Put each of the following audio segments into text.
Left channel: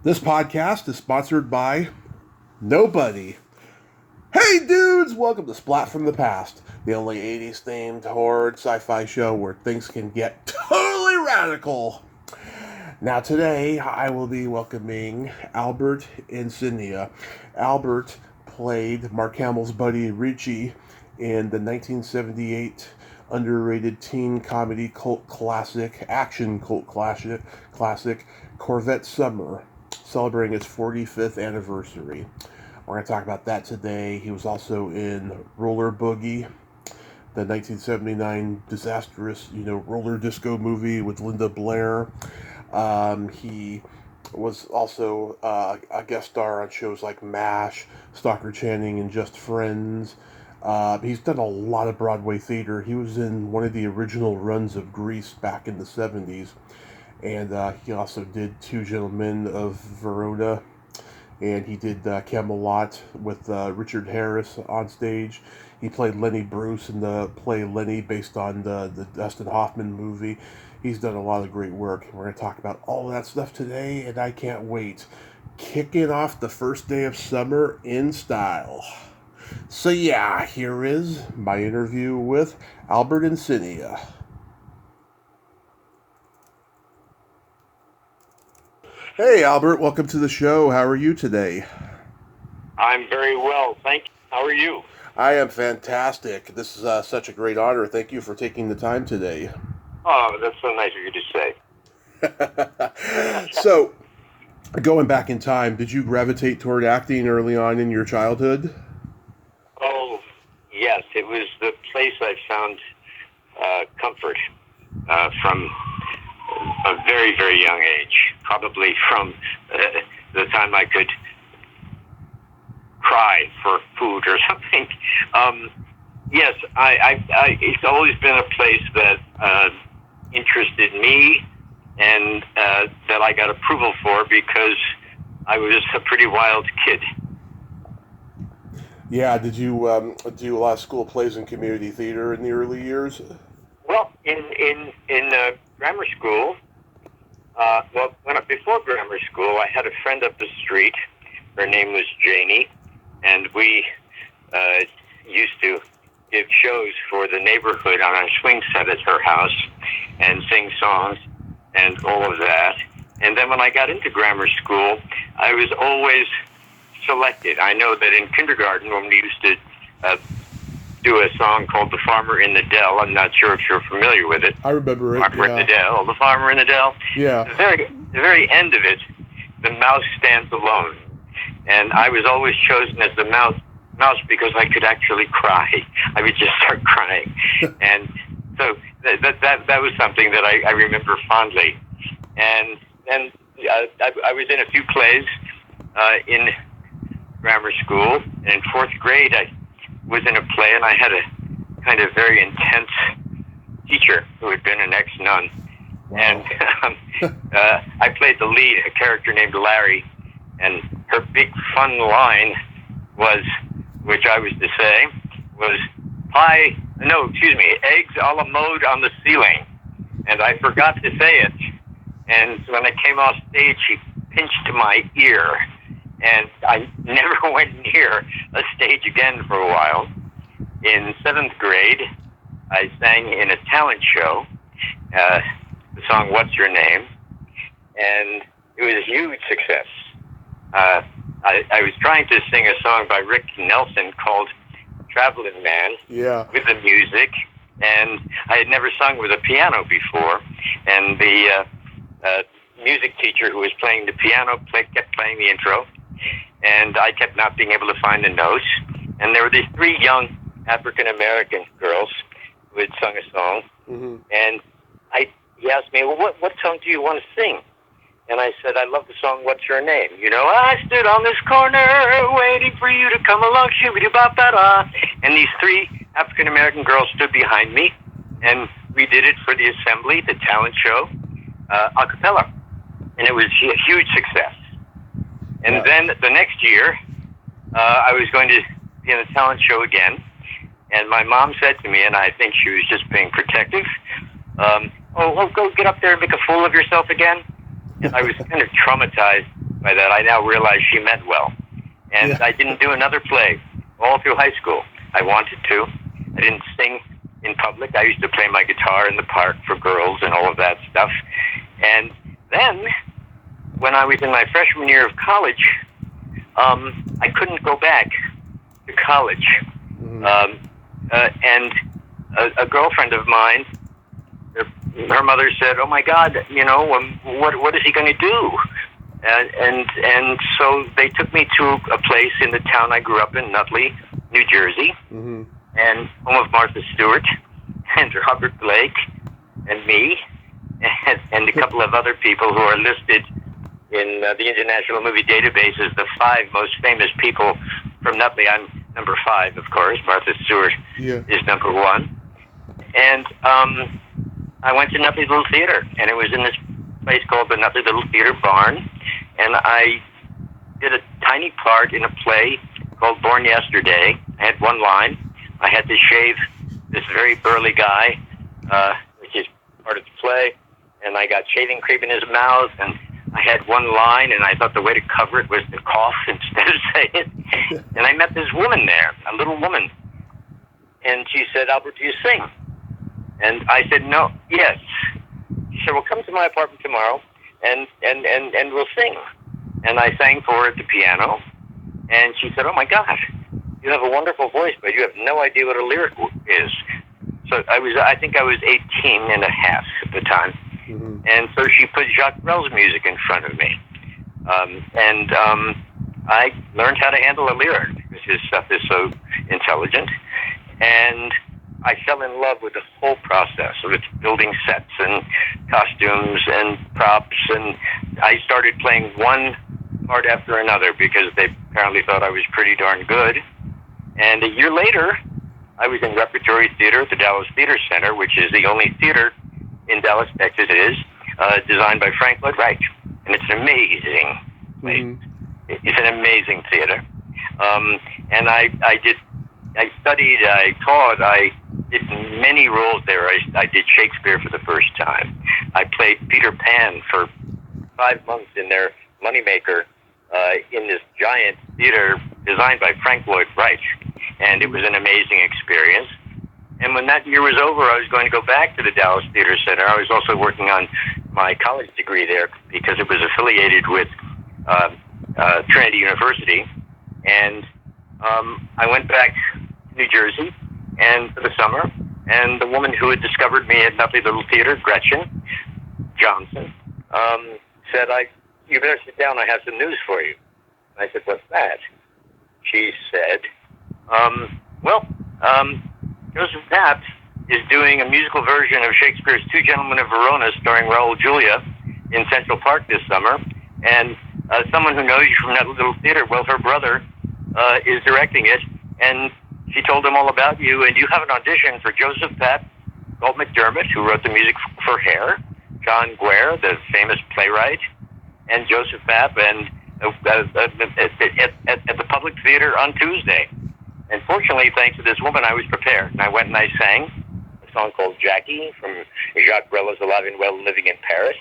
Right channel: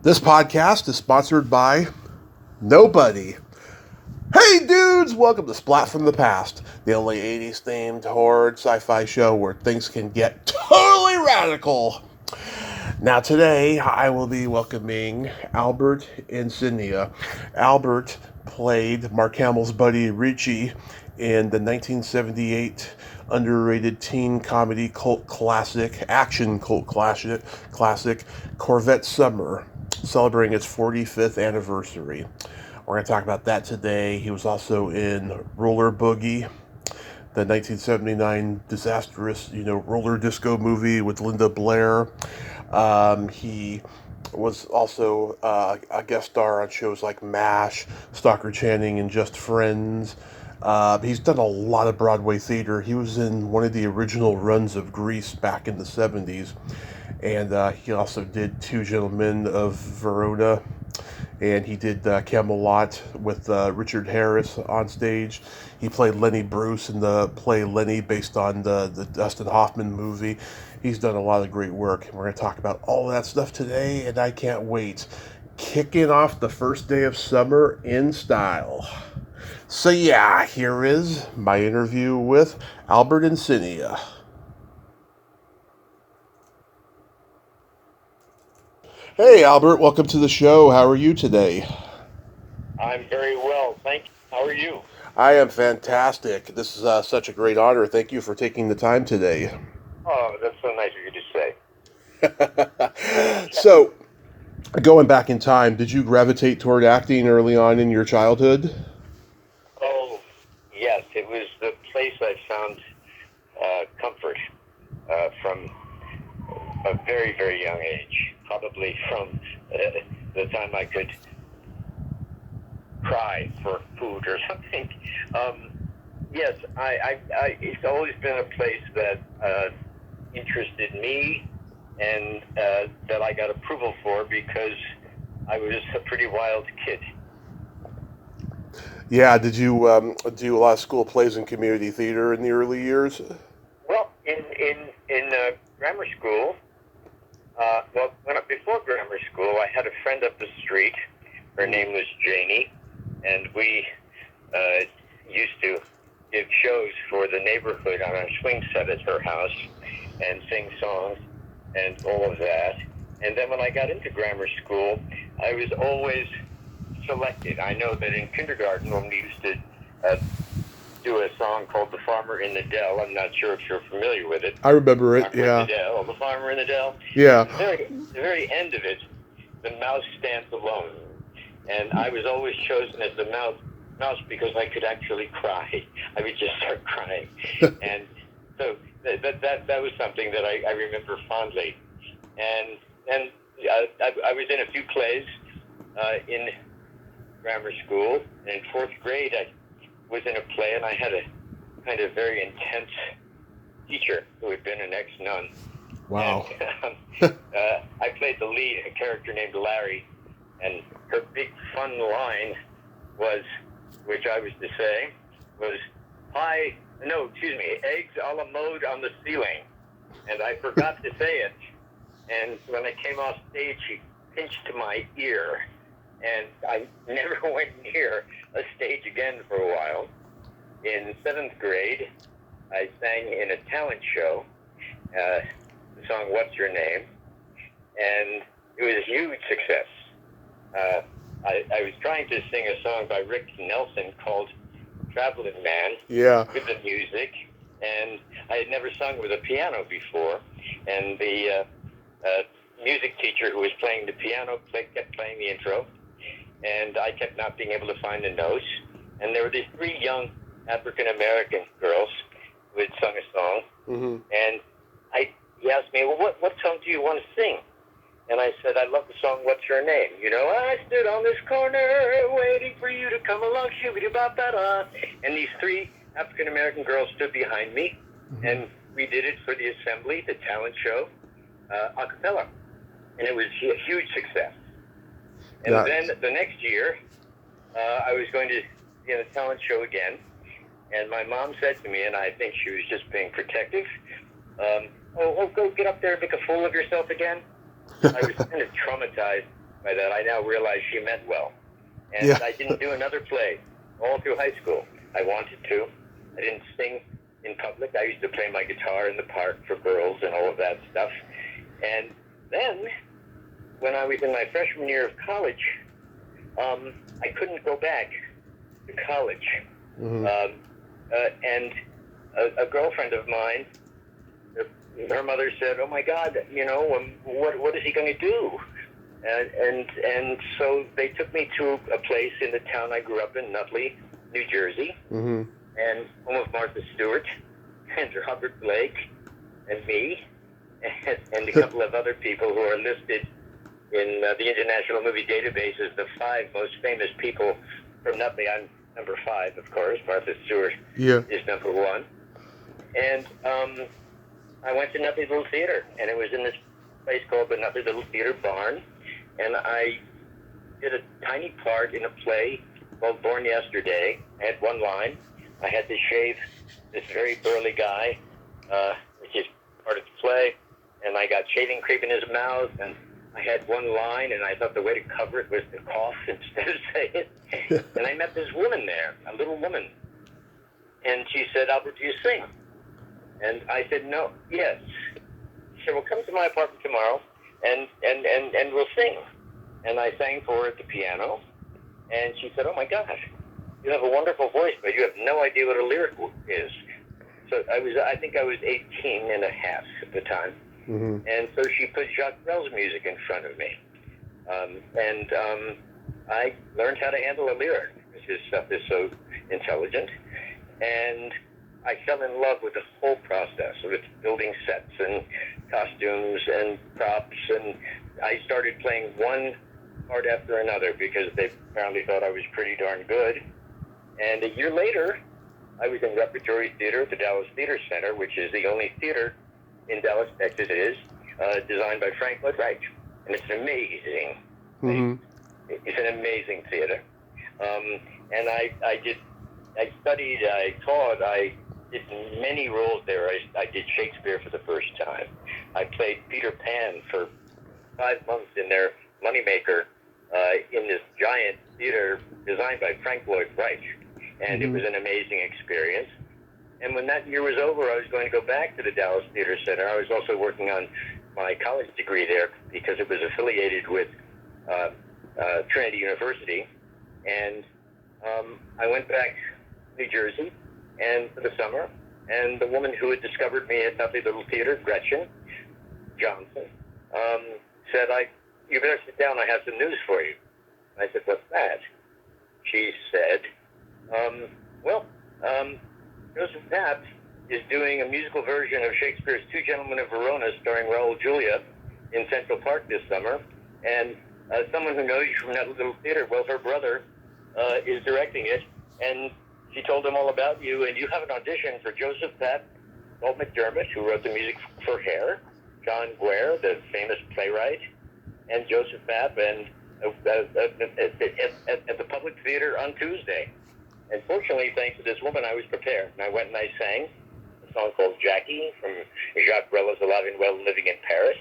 This podcast is sponsored by nobody. Hey dudes, welcome to Splat from the Past, the only 80s themed horror sci-fi show where things can get totally radical. Now today I will be welcoming Albert Insinnia. Albert played Mark Hamill's buddy Richie in the 1978 underrated teen comedy action cult classic, Corvette Summer, celebrating its 45th anniversary. We're going to talk about that today. He was also in Roller Boogie, the 1979 disastrous, roller disco movie with Linda Blair. He was also a guest star on shows like MASH, Stockard Channing, and Just Friends. He's done a lot of Broadway theater. He was in one of the original runs of Grease back in the 70s. And he also did Two Gentlemen of Verona. And he did Camelot with Richard Harris on stage. He played Lenny Bruce in the play Lenny, based on the Dustin Hoffman movie. He's done a lot of great work. And we're going to talk about all of that stuff today, and I can't wait. Kicking off the first day of summer in style. So yeah, here is my interview with Albert Insinnia. Hey Albert, welcome to the show. How are you today? I'm very well, thank you. How are you? I am fantastic. This is such a great honor. Thank you for taking the time today. Oh, that's so nice of you to say. So, going back in time, did you gravitate toward acting early on in your childhood? Oh, yes. It was the place I found comfort from a very, very young age. Probably from the time I could cry for food or something. Yes, it's always been a place that interested me and that I got approval for because I was a pretty wild kid. Yeah, did you do a lot of school plays and community theater in the early years? Well, in grammar school, before grammar school, I had a friend up the street. Her name was Janie, and we used to give shows for the neighborhood on a swing set at her house and sing songs and all of that. And then when I got into grammar school, I was always selected. I know that in kindergarten, when we used to do a song called The Farmer in the Dell, I'm not sure if you're familiar with it. I remember it, Farmer in the Dell, The Farmer in the Dell. Yeah. The very end of it, the mouse stands alone. And I was always chosen as the mouse because I could actually cry. I would just start crying. And so that was something that I remember fondly. And then I was in a few plays in grammar school. And in fourth grade, I was in a play, and I had a kind of very intense teacher who had been an ex-nun. Wow. And I played the lead, a character named Larry, and her big fun line was, which I was to say, was eggs a la mode on the ceiling. And I forgot to say it. And when I came off stage, she pinched my ear. And I never went near a stage again for a while. In seventh grade, I sang in a talent show, the song What's Your Name? And it was a huge success. I was trying to sing a song by Rick Nelson called Traveling Man, with the music, and I had never sung with a piano before, and the music teacher who was playing the piano kept playing the intro, and I kept not being able to find the notes, and there were these three young African-American girls who had sung a song, and he asked me, well, what song do you want to sing? And I said, I love the song, What's Your Name? I stood on this corner waiting for you to come along, shoo-be-doo-ba-ba-da. And these three African-American girls stood behind me, and we did it for the assembly, the talent show, a cappella. And it was a huge success. And then the next year, I was going to be in a talent show again, and my mom said to me, and I think she was just being protective, go get up there and make a fool of yourself again. I was kind of traumatized by that. I now realize she meant well. And I didn't do another play all through high school. I wanted to. I didn't sing in public. I used to play my guitar in the park for girls and all of that stuff. And then, when I was in my freshman year of college, I couldn't go back to college. Mm-hmm. And a girlfriend of mine, her mother said, "Oh my God, what is he going to do?" And so they took me to a place in the town I grew up in, Nutley, New Jersey, mm-hmm. and home of Martha Stewart and Robert Blake and me and a couple of other people who are listed in the International Movie Database as the 5 most famous people from Nutley. I'm number 5, of course. Martha Stewart is number 1. And I went to Nutley Little Theater, and it was in this place called the Nutley Little Theater Barn. And I did a tiny part in a play called Born Yesterday. I had one line. I had to shave this very burly guy, which is part of the play, and I got shaving cream in his mouth, and I had one line, and I thought the way to cover it was to cough instead of say it. And I met this woman there, a little woman, and she said, "Albert, do you sing?" And I said, "No, yes." She said, "Well, come to my apartment tomorrow, and we'll sing." And I sang for her at the piano, and she said, "Oh my gosh, you have a wonderful voice, but you have no idea what a lyric is." So I think I was 18 and a half at the time. Mm-hmm. And so she put Jacques Brel's music in front of me. I learned how to handle a lyric, because his stuff is so intelligent. And I fell in love with the whole process of it, building sets and costumes and props. And I started playing one part after another because they apparently thought I was pretty darn good. And a year later, I was in repertory theater at the Dallas Theater Center, which is the only theater in Dallas, Texas, designed by Frank Lloyd Wright. And it's an amazing place. Mm-hmm. It's an amazing theater. And I studied, I taught, I did many roles there. I did Shakespeare for the first time. I played Peter Pan for 5 months in their moneymaker in this giant theater designed by Frank Lloyd Wright. And it was an amazing experience. And when that year was over, I was going to go back to the Dallas Theater Center. I was also working on my college degree there because it was affiliated with Trinity University. And I went back to New Jersey and for the summer. And the woman who had discovered me at Nutley Little Theater, Gretchen Johnson, said, "You better sit down. I have some news for you." I said, "What's that?" She said, Joseph Papp is doing a musical version of Shakespeare's Two Gentlemen of Verona starring Raul Julia in Central Park this summer. And someone who knows you from that little theater, well, her brother is directing it. And she told him all about you. And you have an audition for Joseph Papp, Walt McDermott, who wrote the music for Hair, John Guare, the famous playwright, and Joseph Papp, and at the Public Theater on Tuesday. And fortunately, thanks to this woman, I was prepared. And I went and I sang a song called Jackie from Jacques Brel's Alive and Well Living in Paris.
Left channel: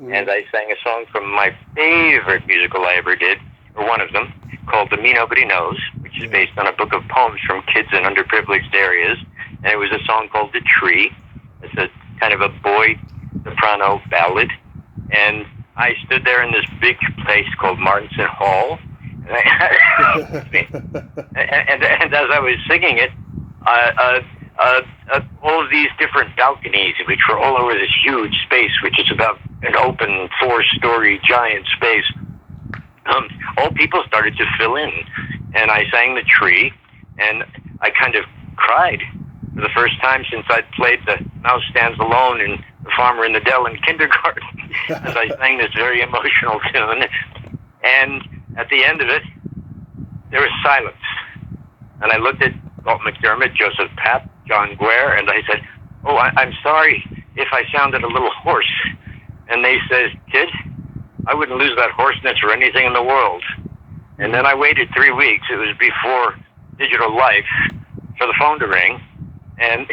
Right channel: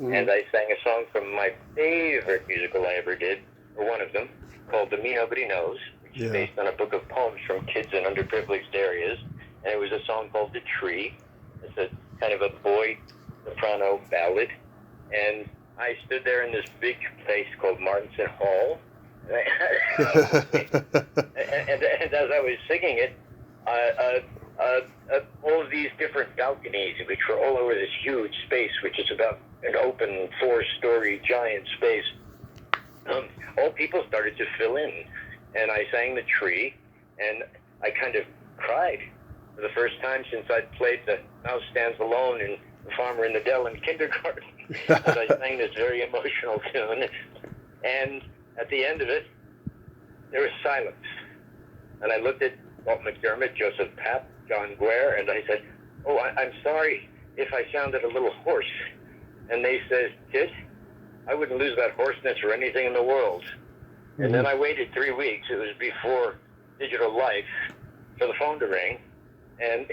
Mm-hmm. And I sang a song from my favorite musical I ever did, or one of them, called The Me Nobody Knows, which is based on a book of poems from kids in underprivileged areas. And it was a song called The Tree. It's a kind of a boy soprano ballad. And I stood there in this big place called Martinson Hall. And as I was singing it, all of these different balconies, which were all over this huge space, which is about an open 4-story giant space, all people started to fill in. And I sang The Tree, and I kind of cried for the first time since I'd played The Mouse Stands Alone in The Farmer in the Dell in kindergarten. As I sang this very emotional tune. And at the end of it, there was silence. And I looked at Walt McDermott, Joseph Papp, John Guare, and I said, "Oh, I'm sorry if I sounded a little hoarse." And they said, "Kid, I wouldn't lose that hoarseness for anything in the world." Mm-hmm. And then I waited 3 weeks. It was before digital life for the phone to ring. And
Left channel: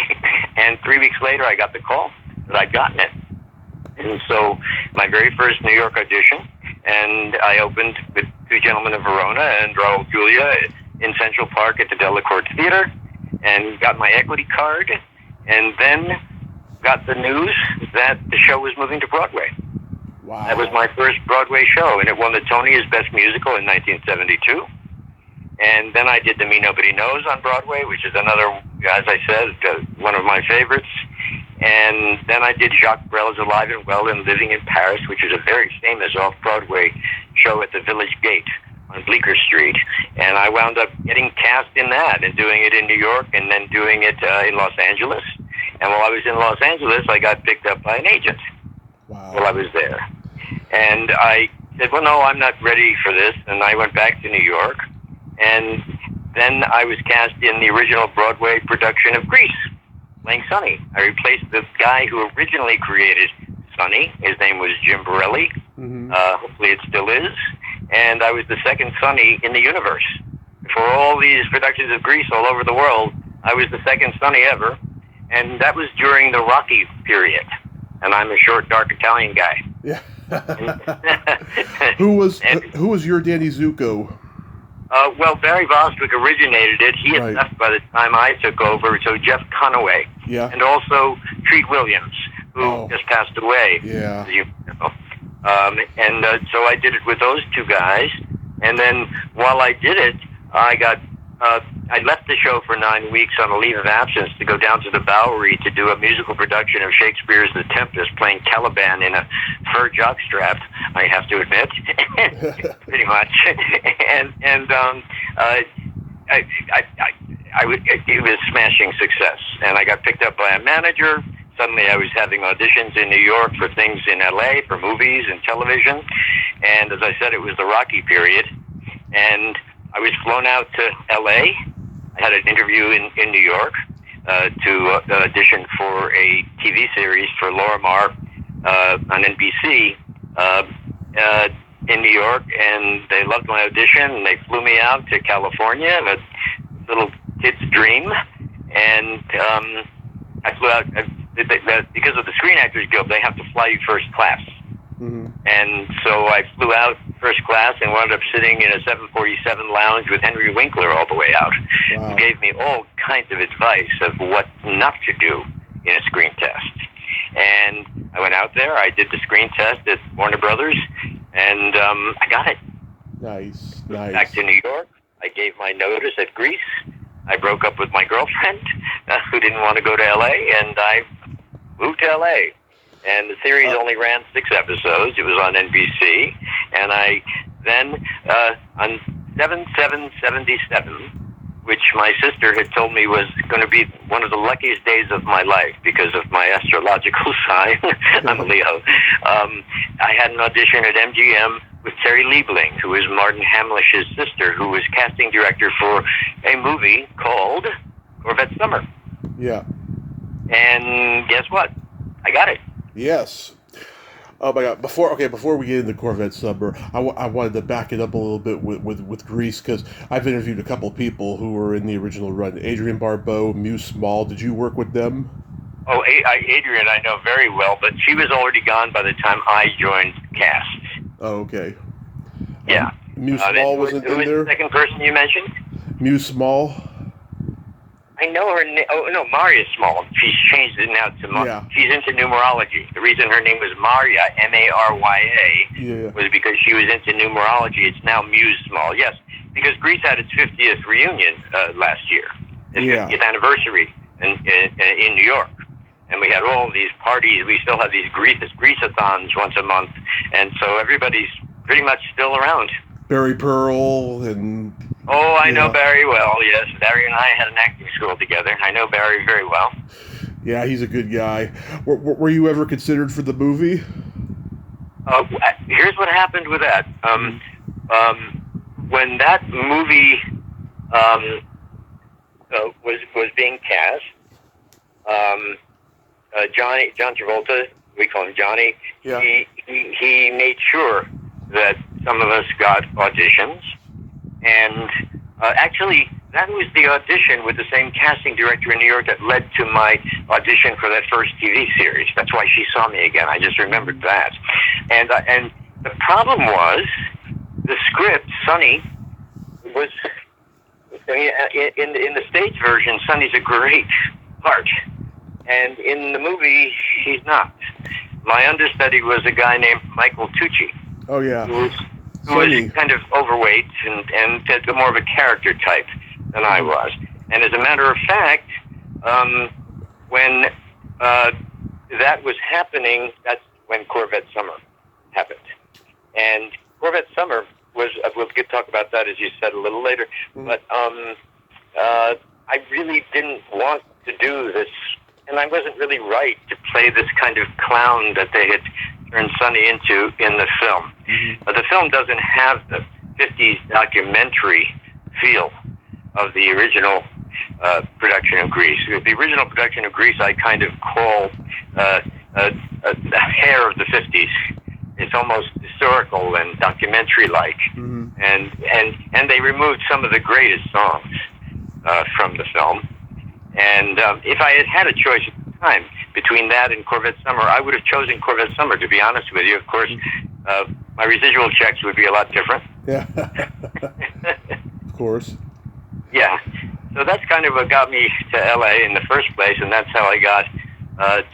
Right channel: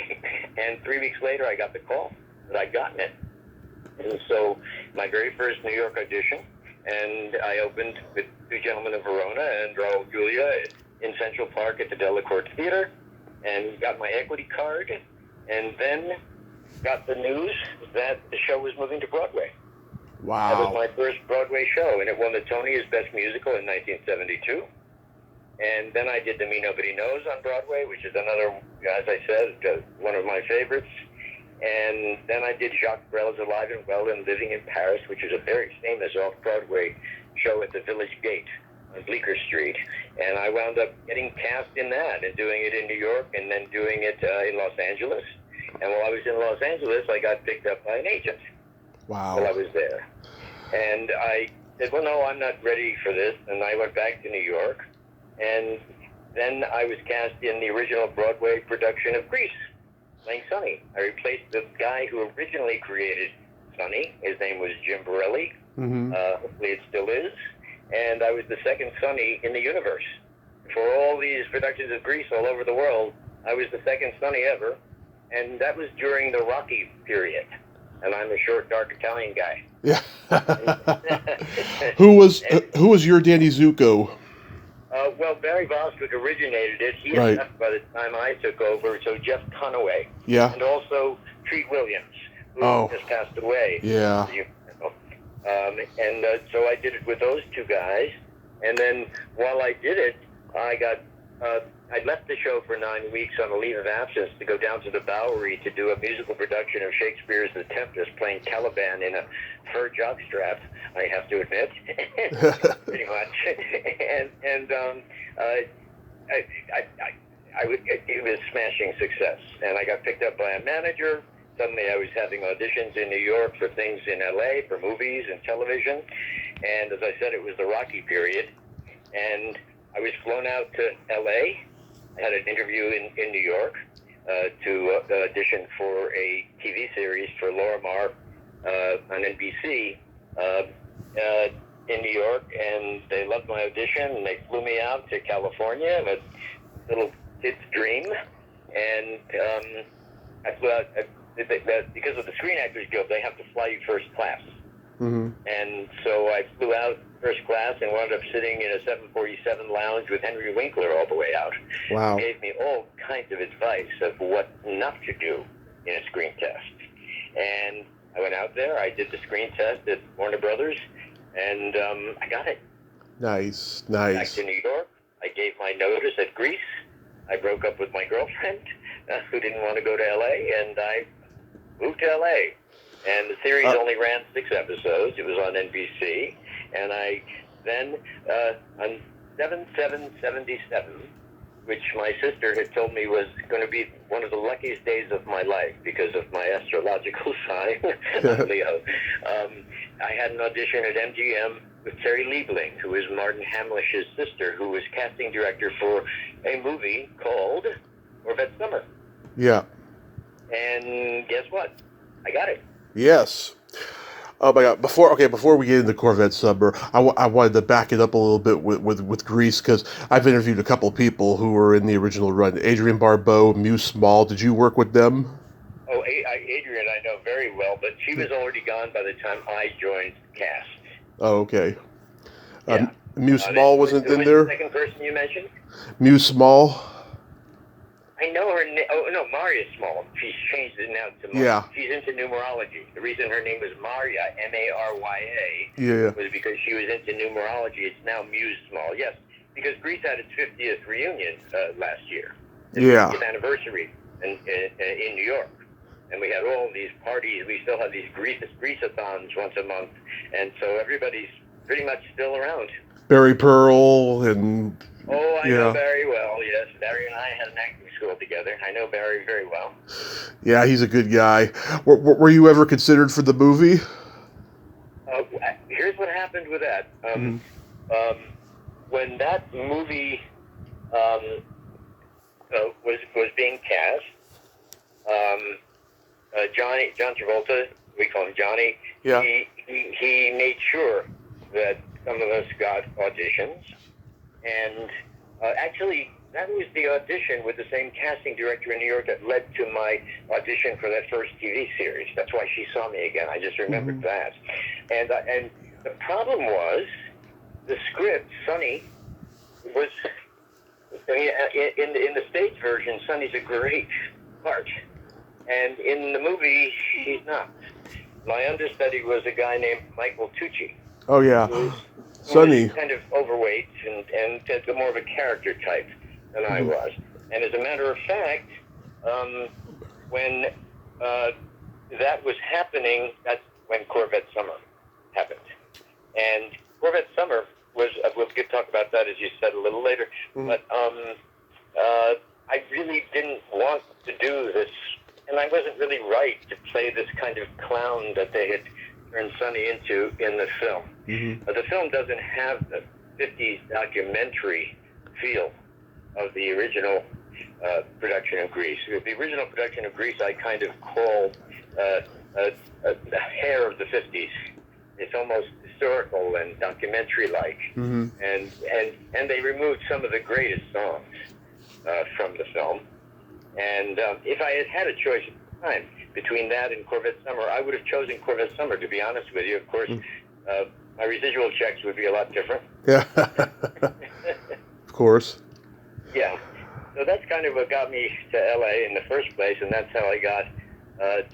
3 weeks later, I got the call that I'd gotten it. And so my very first New York audition and I opened with Two Gentlemen of Verona and Raul Julia in Central Park at the Delacorte Theater, and got my equity card, and then got the news that the show was moving to Broadway. Wow. That was my first Broadway show, and it won the Tony as Best Musical in 1972. And then I did The Me Nobody Knows on Broadway, which is another, as I said, one of my favorites. And then I did Jacques Brel's Alive and Well and Living in Paris, which is a very famous off-Broadway show at the Village Gate on Bleecker Street. And I wound up getting cast in that and doing it in New York and then doing it in Los Angeles. And while I was in Los Angeles, I got picked up by an agent. Wow. While I was there. And I said, well, no, I'm not ready for this. And I went back to New York. And then I was cast in the original Broadway production of Grease, playing Sonny. I replaced the guy who originally created Sonny. His name was Jim Borelli. Mm-hmm. Hopefully it still is. And I was the second Sonny in the universe. For all these productions of Grease all over the world, I was the second Sonny ever. And that was during the Rocky period. And I'm a short, dark Italian guy. Yeah. Who was your Danny Zuko? Well, Barry Bostwick originated it. He had left by the time I took over, so Jeff Conaway. Yeah. And also Treat Williams, who just passed away. Yeah. You know. So I did it with those two guys. And then while I did it, I left the show for 9 weeks on a leave of absence to go down to the Bowery to do a musical production of Shakespeare's The Tempest, playing Caliban in a fur jockstrap, I have to admit, pretty much. It was smashing success. And I got picked up by a manager. Suddenly I was having auditions in New York for things in LA, for movies and television. And as I said, it was the Rocky period. And I was flown out to LA. I had an interview in New York to audition for a TV series for Laura Marr on NBC in New York, and they loved my audition, and they flew me out to California, a little kid's dream, and I flew out, because of the Screen Actors Guild, they have to fly you first class. Mm-hmm. And so I flew out first class and wound up sitting in a 747 lounge with Henry Winkler all the way out. Wow. He gave me all kinds of advice of what not to do in a screen test. And I went out there, I did the screen test at Warner Brothers, and I got it. Nice. Back to New York, I gave my notice at Grease. I broke up with my girlfriend, who didn't want to go to L.A., and I moved to L.A., and the series only ran 6 episodes. It was on NBC. And I then, on 7/7/77, which my sister had told me was going to be one of the luckiest days of my life because of my astrological sign, I'm Leo, I had an audition at MGM with Terry Liebling, who is Martin Hamlish's sister, who was casting director for a movie called Corvette Summer. Yeah. And guess what? I got it. Yes. Oh my God! Before we get into Corvette Summer, I wanted to back it up a little bit with Grease, because I've interviewed a couple of people who were in the original run. Adrienne Barbeau, Muse Small. Did you work with them? Oh, Adrienne, I know very well, but she was already gone by the time I joined cast. Oh, okay. Yeah. Muse Small wasn't in there. The second person you mentioned? Muse Small. I know her name. Oh, no, Maria Small. She's changed it now to Maria. Yeah. She's into numerology. The reason her name was Maria, Marya, was because she was into numerology. It's now Muse Small. Yes, because Grease had its 50th reunion last year. Its 50th anniversary in New York. And we had all these parties. We still have these Grease-a-thons once a month. And so everybody's pretty much still around. Barry Pearl and... Oh, I know Barry well, yes. Barry and I had an acting school together. I know Barry very well. Yeah, he's a good guy. Were you ever considered for the movie? Here's what happened with that. When that movie was being cast, John Travolta, we call him Johnny, he made sure that some of us got auditions. And actually, that was the audition with the same casting director in New York that led to my audition for that first TV series. That's why she saw me again. I just remembered that. And The problem was the script. Sonny was in the stage version. Sonny's a great part, and in the movie, he's not. My understudy was a guy named Michael Tucci. Oh yeah, who was kind of overweight and more of a character type than I was. And as a matter of fact, when that was happening, that's when Corvette Summer happened. And Corvette Summer was, we'll talk about that, as you said, a little later, but I really didn't want to do this, and I wasn't really right to play this kind of clown that they had turned Sonny into in the film. But the film doesn't have the 50s documentary feel of the original production of Grease. The original production of Grease I kind of call a hair of the 50s. It's almost historical and documentary-like, and they removed some of the greatest songs from the film. And if I had had a choice at the time between that and Corvette Summer, I would have chosen Corvette Summer, to be honest with you. Of course, my residual checks would be a lot different. Yeah, of course. Yeah, so that's kind of what got me to L.A. in the first place, and that's how I got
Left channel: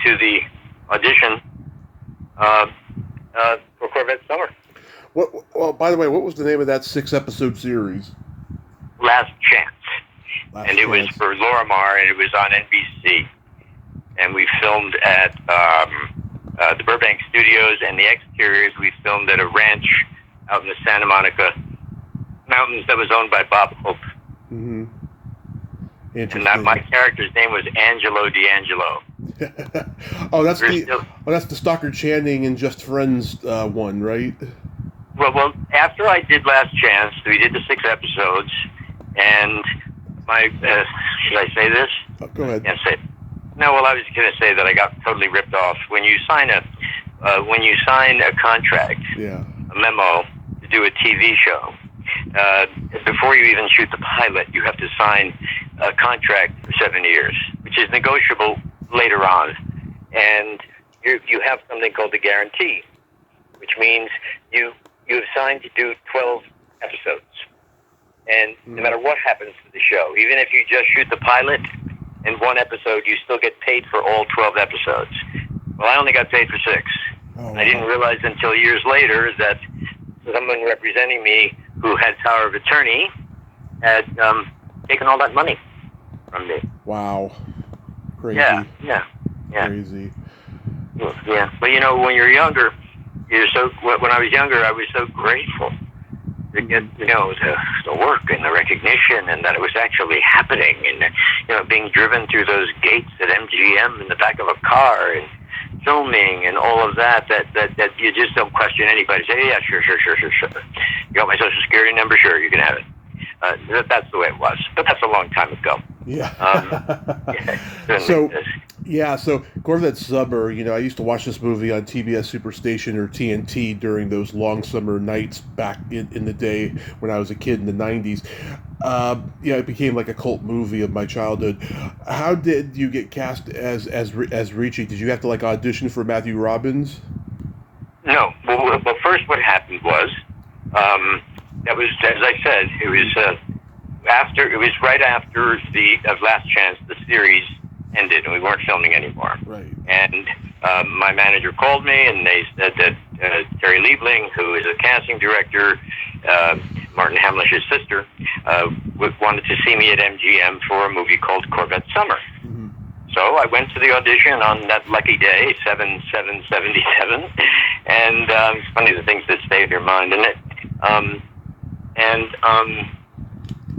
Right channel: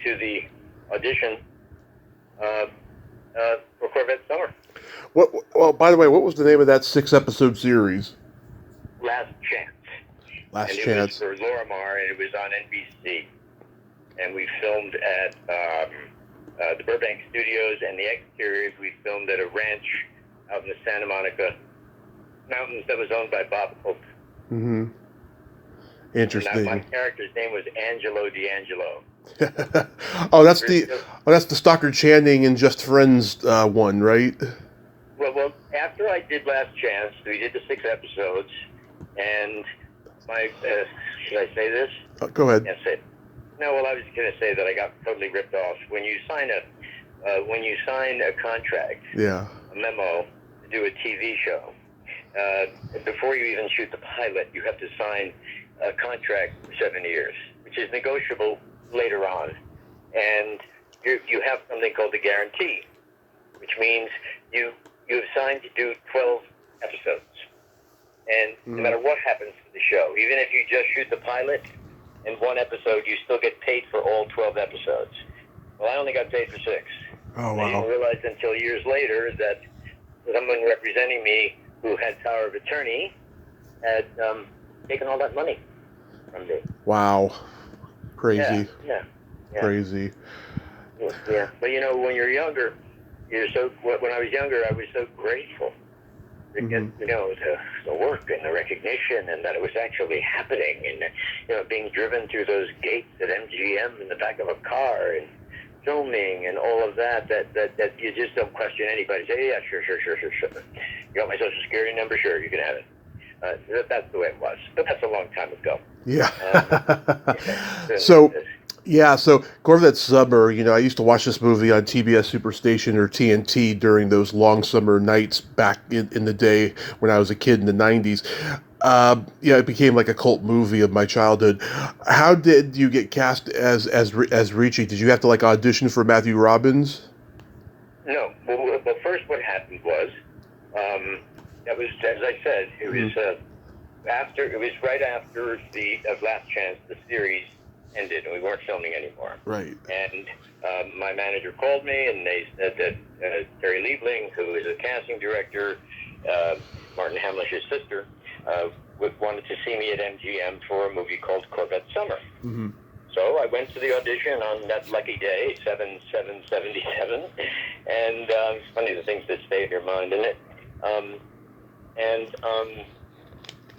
to the audition for Corvette Summer. Well, by the way, what was the name of that 6-episode series? Last Chance. Last It was for Lorimar, and it was on NBC. And we filmed at the Burbank Studios, and the exteriors we filmed at a ranch out in the Santa Monica Mountains that was owned by Bob Hope. Interesting. And my character's name was Angelo D'Angelo. that's the Stockard Channing and Just Friends one, right? Well, after I did Last Chance, we did the 6 episodes, and my should I say this? Go ahead. Can't say it. No, well, I was going to say that I got totally ripped off. When you sign a contract, a memo to do a TV show, before you even shoot the pilot, you have to sign a contract for 7 years, which is negotiable later on. And you have something called a guarantee, which means you've signed to do 12 episodes. And no matter what happens to the show, even if you just shoot the pilot in 1 episode, you still get paid for all 12 episodes. Well, I only got paid for 6. Oh, wow. I didn't realize until years later that someone representing me who had power of attorney had taken all that money from me. Wow. Crazy. Yeah. Crazy. Yeah. But you know, when you're younger, when I was younger, I was so grateful to get, the work and the recognition, and that it was actually happening, and being driven through those gates at MGM in the back of a car, and filming and all of that you just don't question anybody. Say, yeah, sure. You got my social security number? Sure, you can have it. That's the way it was. But that's a long time ago. Yeah. So Corvette Summer, I used to watch this movie on TBS Superstation or TNT during those long summer nights back in the day when I was a kid in the 90s. It became like a cult movie of my childhood. How did you get cast as Ricci? Did you have to audition for Matthew Robbins? No. Well, first what happened was, that was, as I said, it was right after the Last Chance, the series ended, and we weren't filming anymore. Right. And my manager called me, and they said that Terry Liebling, who is a casting director, Martin Hamlish's sister, wanted to see me at MGM for a movie called Corvette Summer. So I went to the audition on that lucky day, 7/7/77, and it's funny the things that stay in your mind, isn't it?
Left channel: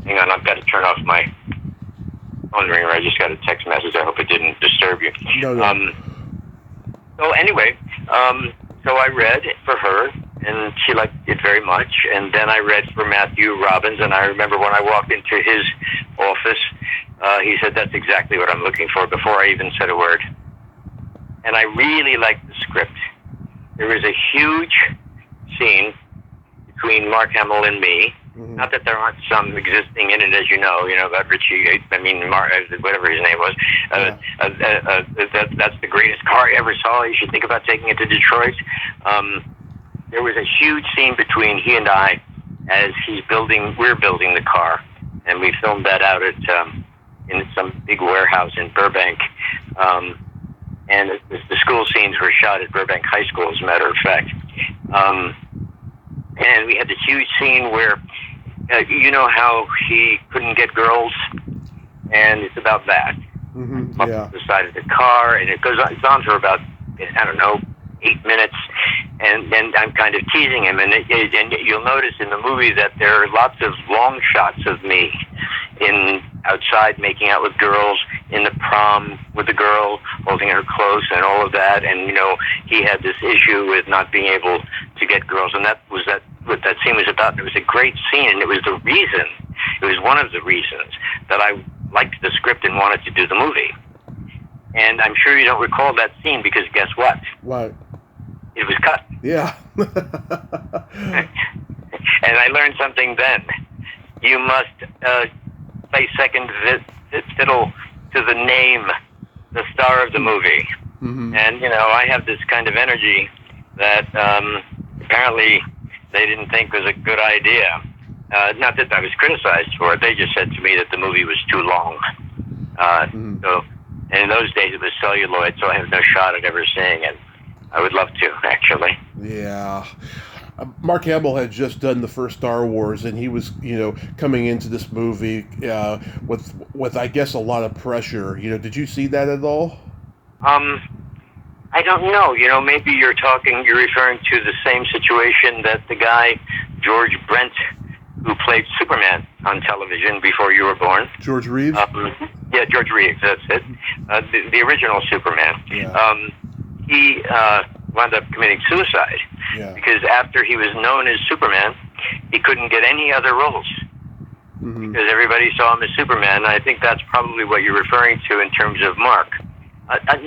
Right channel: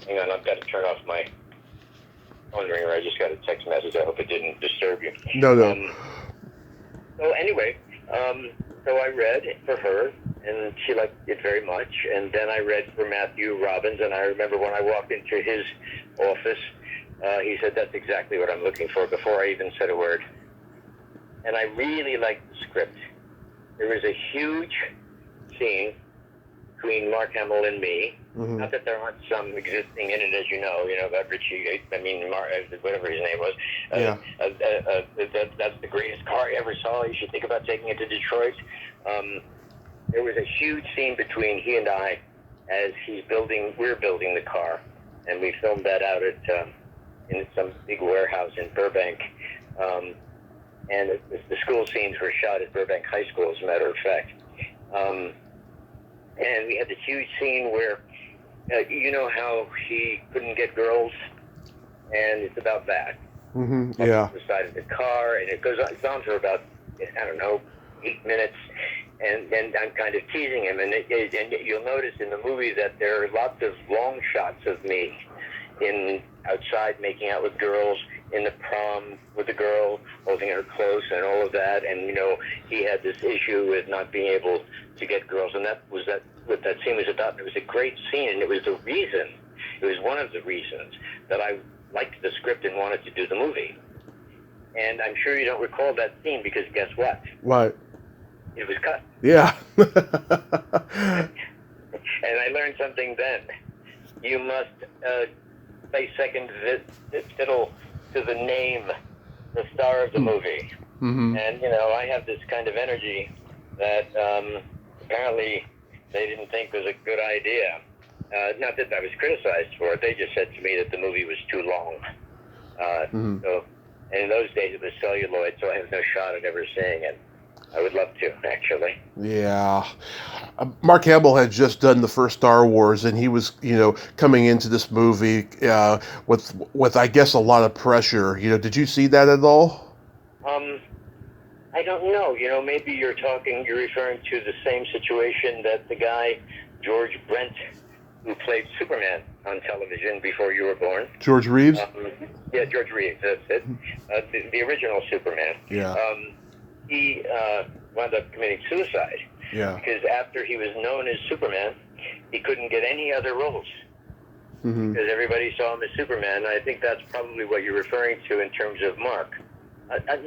Hang on, I've got to turn off my phone ringer. I just got a text message. I hope it didn't disturb you. No. So anyway, so I read for her, and she liked it very much. And then I read for Matthew Robbins, and I remember when I walked into his office, he said, "That's exactly what I'm looking for," before I even said a word. And I really liked the script. There was a huge scene between Mark Hamill and me. Not that there aren't some existing in it, as you know about Richie. I mean, whatever his name was. That's the greatest car I ever saw. You should think about taking it to Detroit. there was a huge scene between he and I as we're building the car, and we filmed that out at in some big warehouse in Burbank. And the school scenes were shot at Burbank High School, as a matter of fact. And we had this huge scene where, you know how he couldn't get girls, and it's about that. Mm-hmm. Yeah. The side of the car, and it's on for about, I don't know, 8 minutes, and I'm kind of teasing him, and you'll notice in the movie that there are lots of long shots of me outside making out with girls, in the prom with the girl, holding her close and all of that, and he had this issue with not being able to get girls, and what that scene was about. And it was a great scene, and it was one of the reasons that I liked the script and wanted to do the movie. And I'm sure you don't recall that scene because guess what? What? It was cut. Yeah. And I learned something then. You must play second fiddle to the name, the star of the movie. Mm-hmm. And, I have this kind of energy that apparently they didn't think was a good idea. Not that I was criticized for it. They just said to me that the movie was too long. So, and in those days it was celluloid, so I have no shot at ever seeing it. I would love to, actually. Yeah. Mark Hamill had just done the first Star Wars, and he was, coming into this movie with I guess a lot of pressure. Did you see that at all? I don't know. Maybe you're referring to the same situation that the guy George Brent, who played Superman on television before you were born. George Reeves? Yeah, George Reeves, that's it. The original Superman. Yeah. He wound up committing suicide. Yeah. Because after he was known as Superman, he couldn't get any other roles. Mm-hmm. Because everybody saw him as Superman. And I think that's probably what you're referring to in terms of Mark.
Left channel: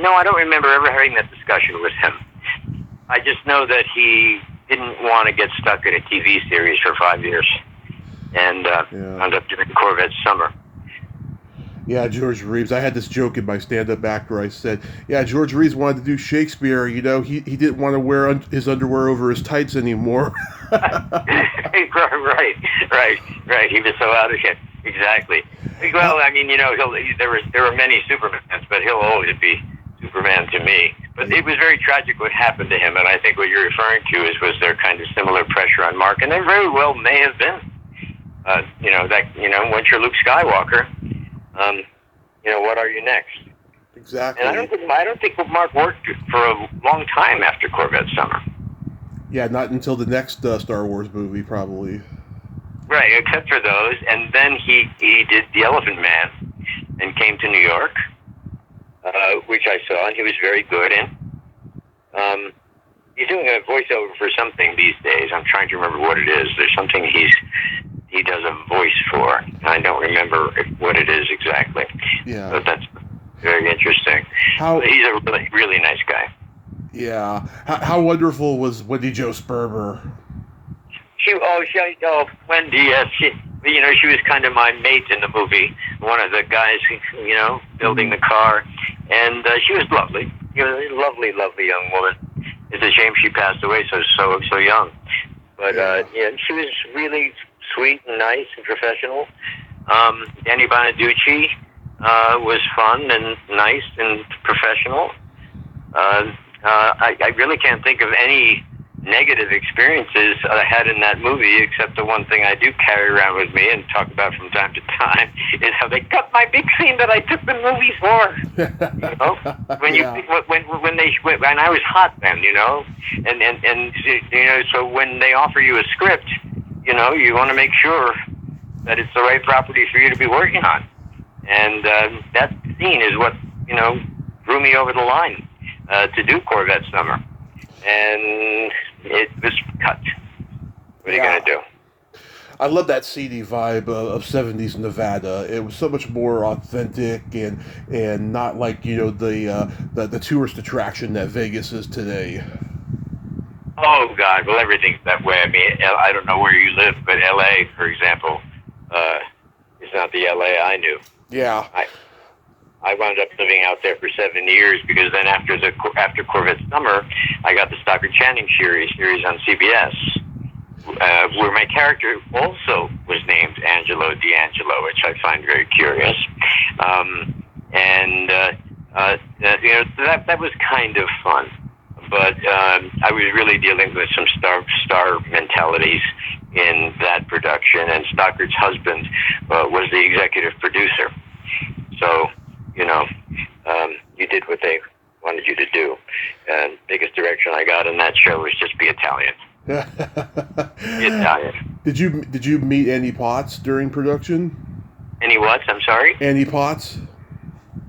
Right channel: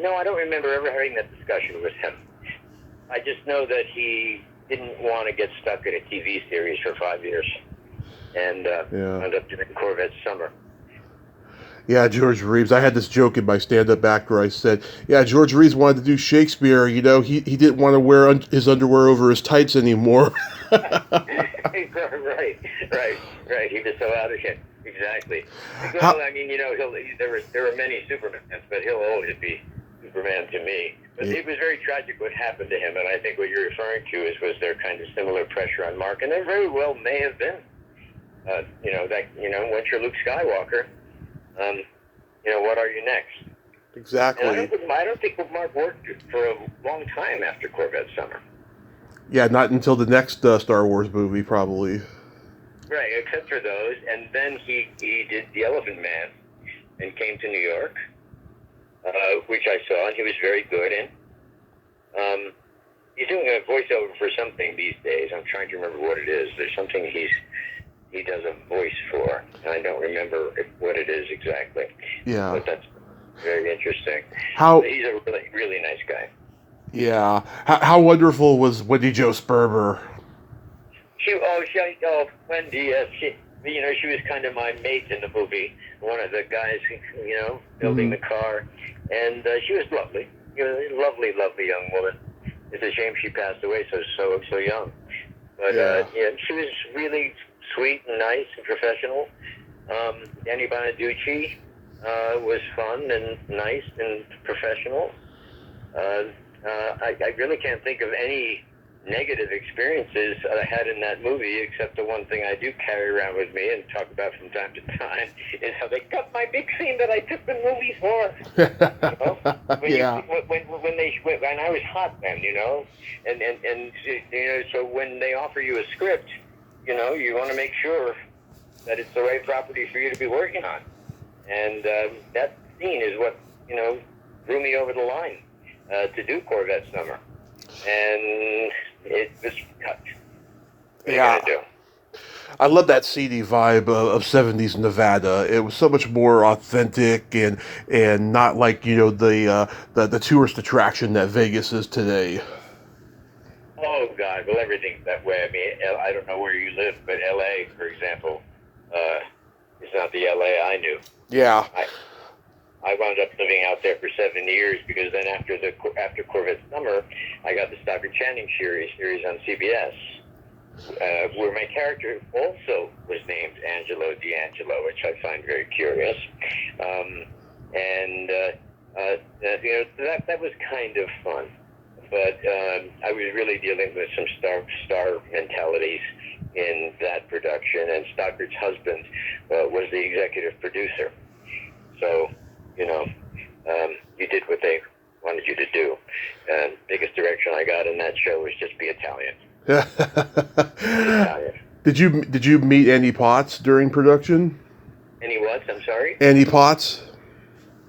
No, I don't remember ever having that discussion with him. I just know that he didn't want to get stuck in a TV series for 5 years. And wound up doing Corvette Summer. Yeah, George Reeves. I had this joke in my stand-up act where I said, yeah, George Reeves wanted to do Shakespeare. He didn't want to wear his underwear over his tights anymore. Right. He was so out of it. Exactly. Well, I mean, there were many Supermans, but he'll always be Superman to me. But it was very tragic what happened to him, and I think what you're referring to was there kind of similar pressure on Mark, and there very well may have been. Once you're Luke Skywalker, what are you next? Exactly. And I don't think Mark worked for a long time after Corvette Summer. Yeah, not until the next Star Wars movie, probably. Right, except for those, and then he did The Elephant Man and came to New York, which I saw, and he was very good in. He's doing a voiceover for something these days. I'm trying to remember what it is. There's something he does a voice for. I don't remember what it is exactly. Yeah. But that's very interesting. He's a really, really nice guy. Yeah. How wonderful was Wendy Jo Sperber? Wendy, yes. She was kind of my mate in the movie. One of the guys, building the car. And she was lovely. A lovely, lovely young woman. It's a shame she passed away so young. But, she was really sweet and nice and professional. Danny Bonaducci was fun and nice and professional. I really can't think of any negative experiences I had in that movie, except the one thing I do carry around with me and talk about from time to time is how they cut my big scene that I took the movie for. When I was hot then, and so when they offer you a script, you want to make sure that it's the right property for you to be working on, and that scene is what drew me over the line to do Corvette Summer, and it was cut. What are you gonna do? I love that seedy vibe of 70s Nevada. It was so much more authentic and not like the tourist attraction that Vegas is today. Oh God! Well, everything's that way. I mean, I don't know where you live, but L.A., for example, is not the L.A. I knew. Yeah. I I wound up living out there for 7 years because then after Corvette Summer, I got the Stockard Channing series on CBS, where my character also was named Angelo D'Angelo, which I find very curious. That was kind of fun, but I was really dealing with some star mentalities in that production, and Stockard's husband was the executive producer. So, you did what they wanted you to do. Biggest direction I got in that show was just be Italian. Italian. Did you meet Annie Potts during production? Annie what? I'm sorry? Annie Potts?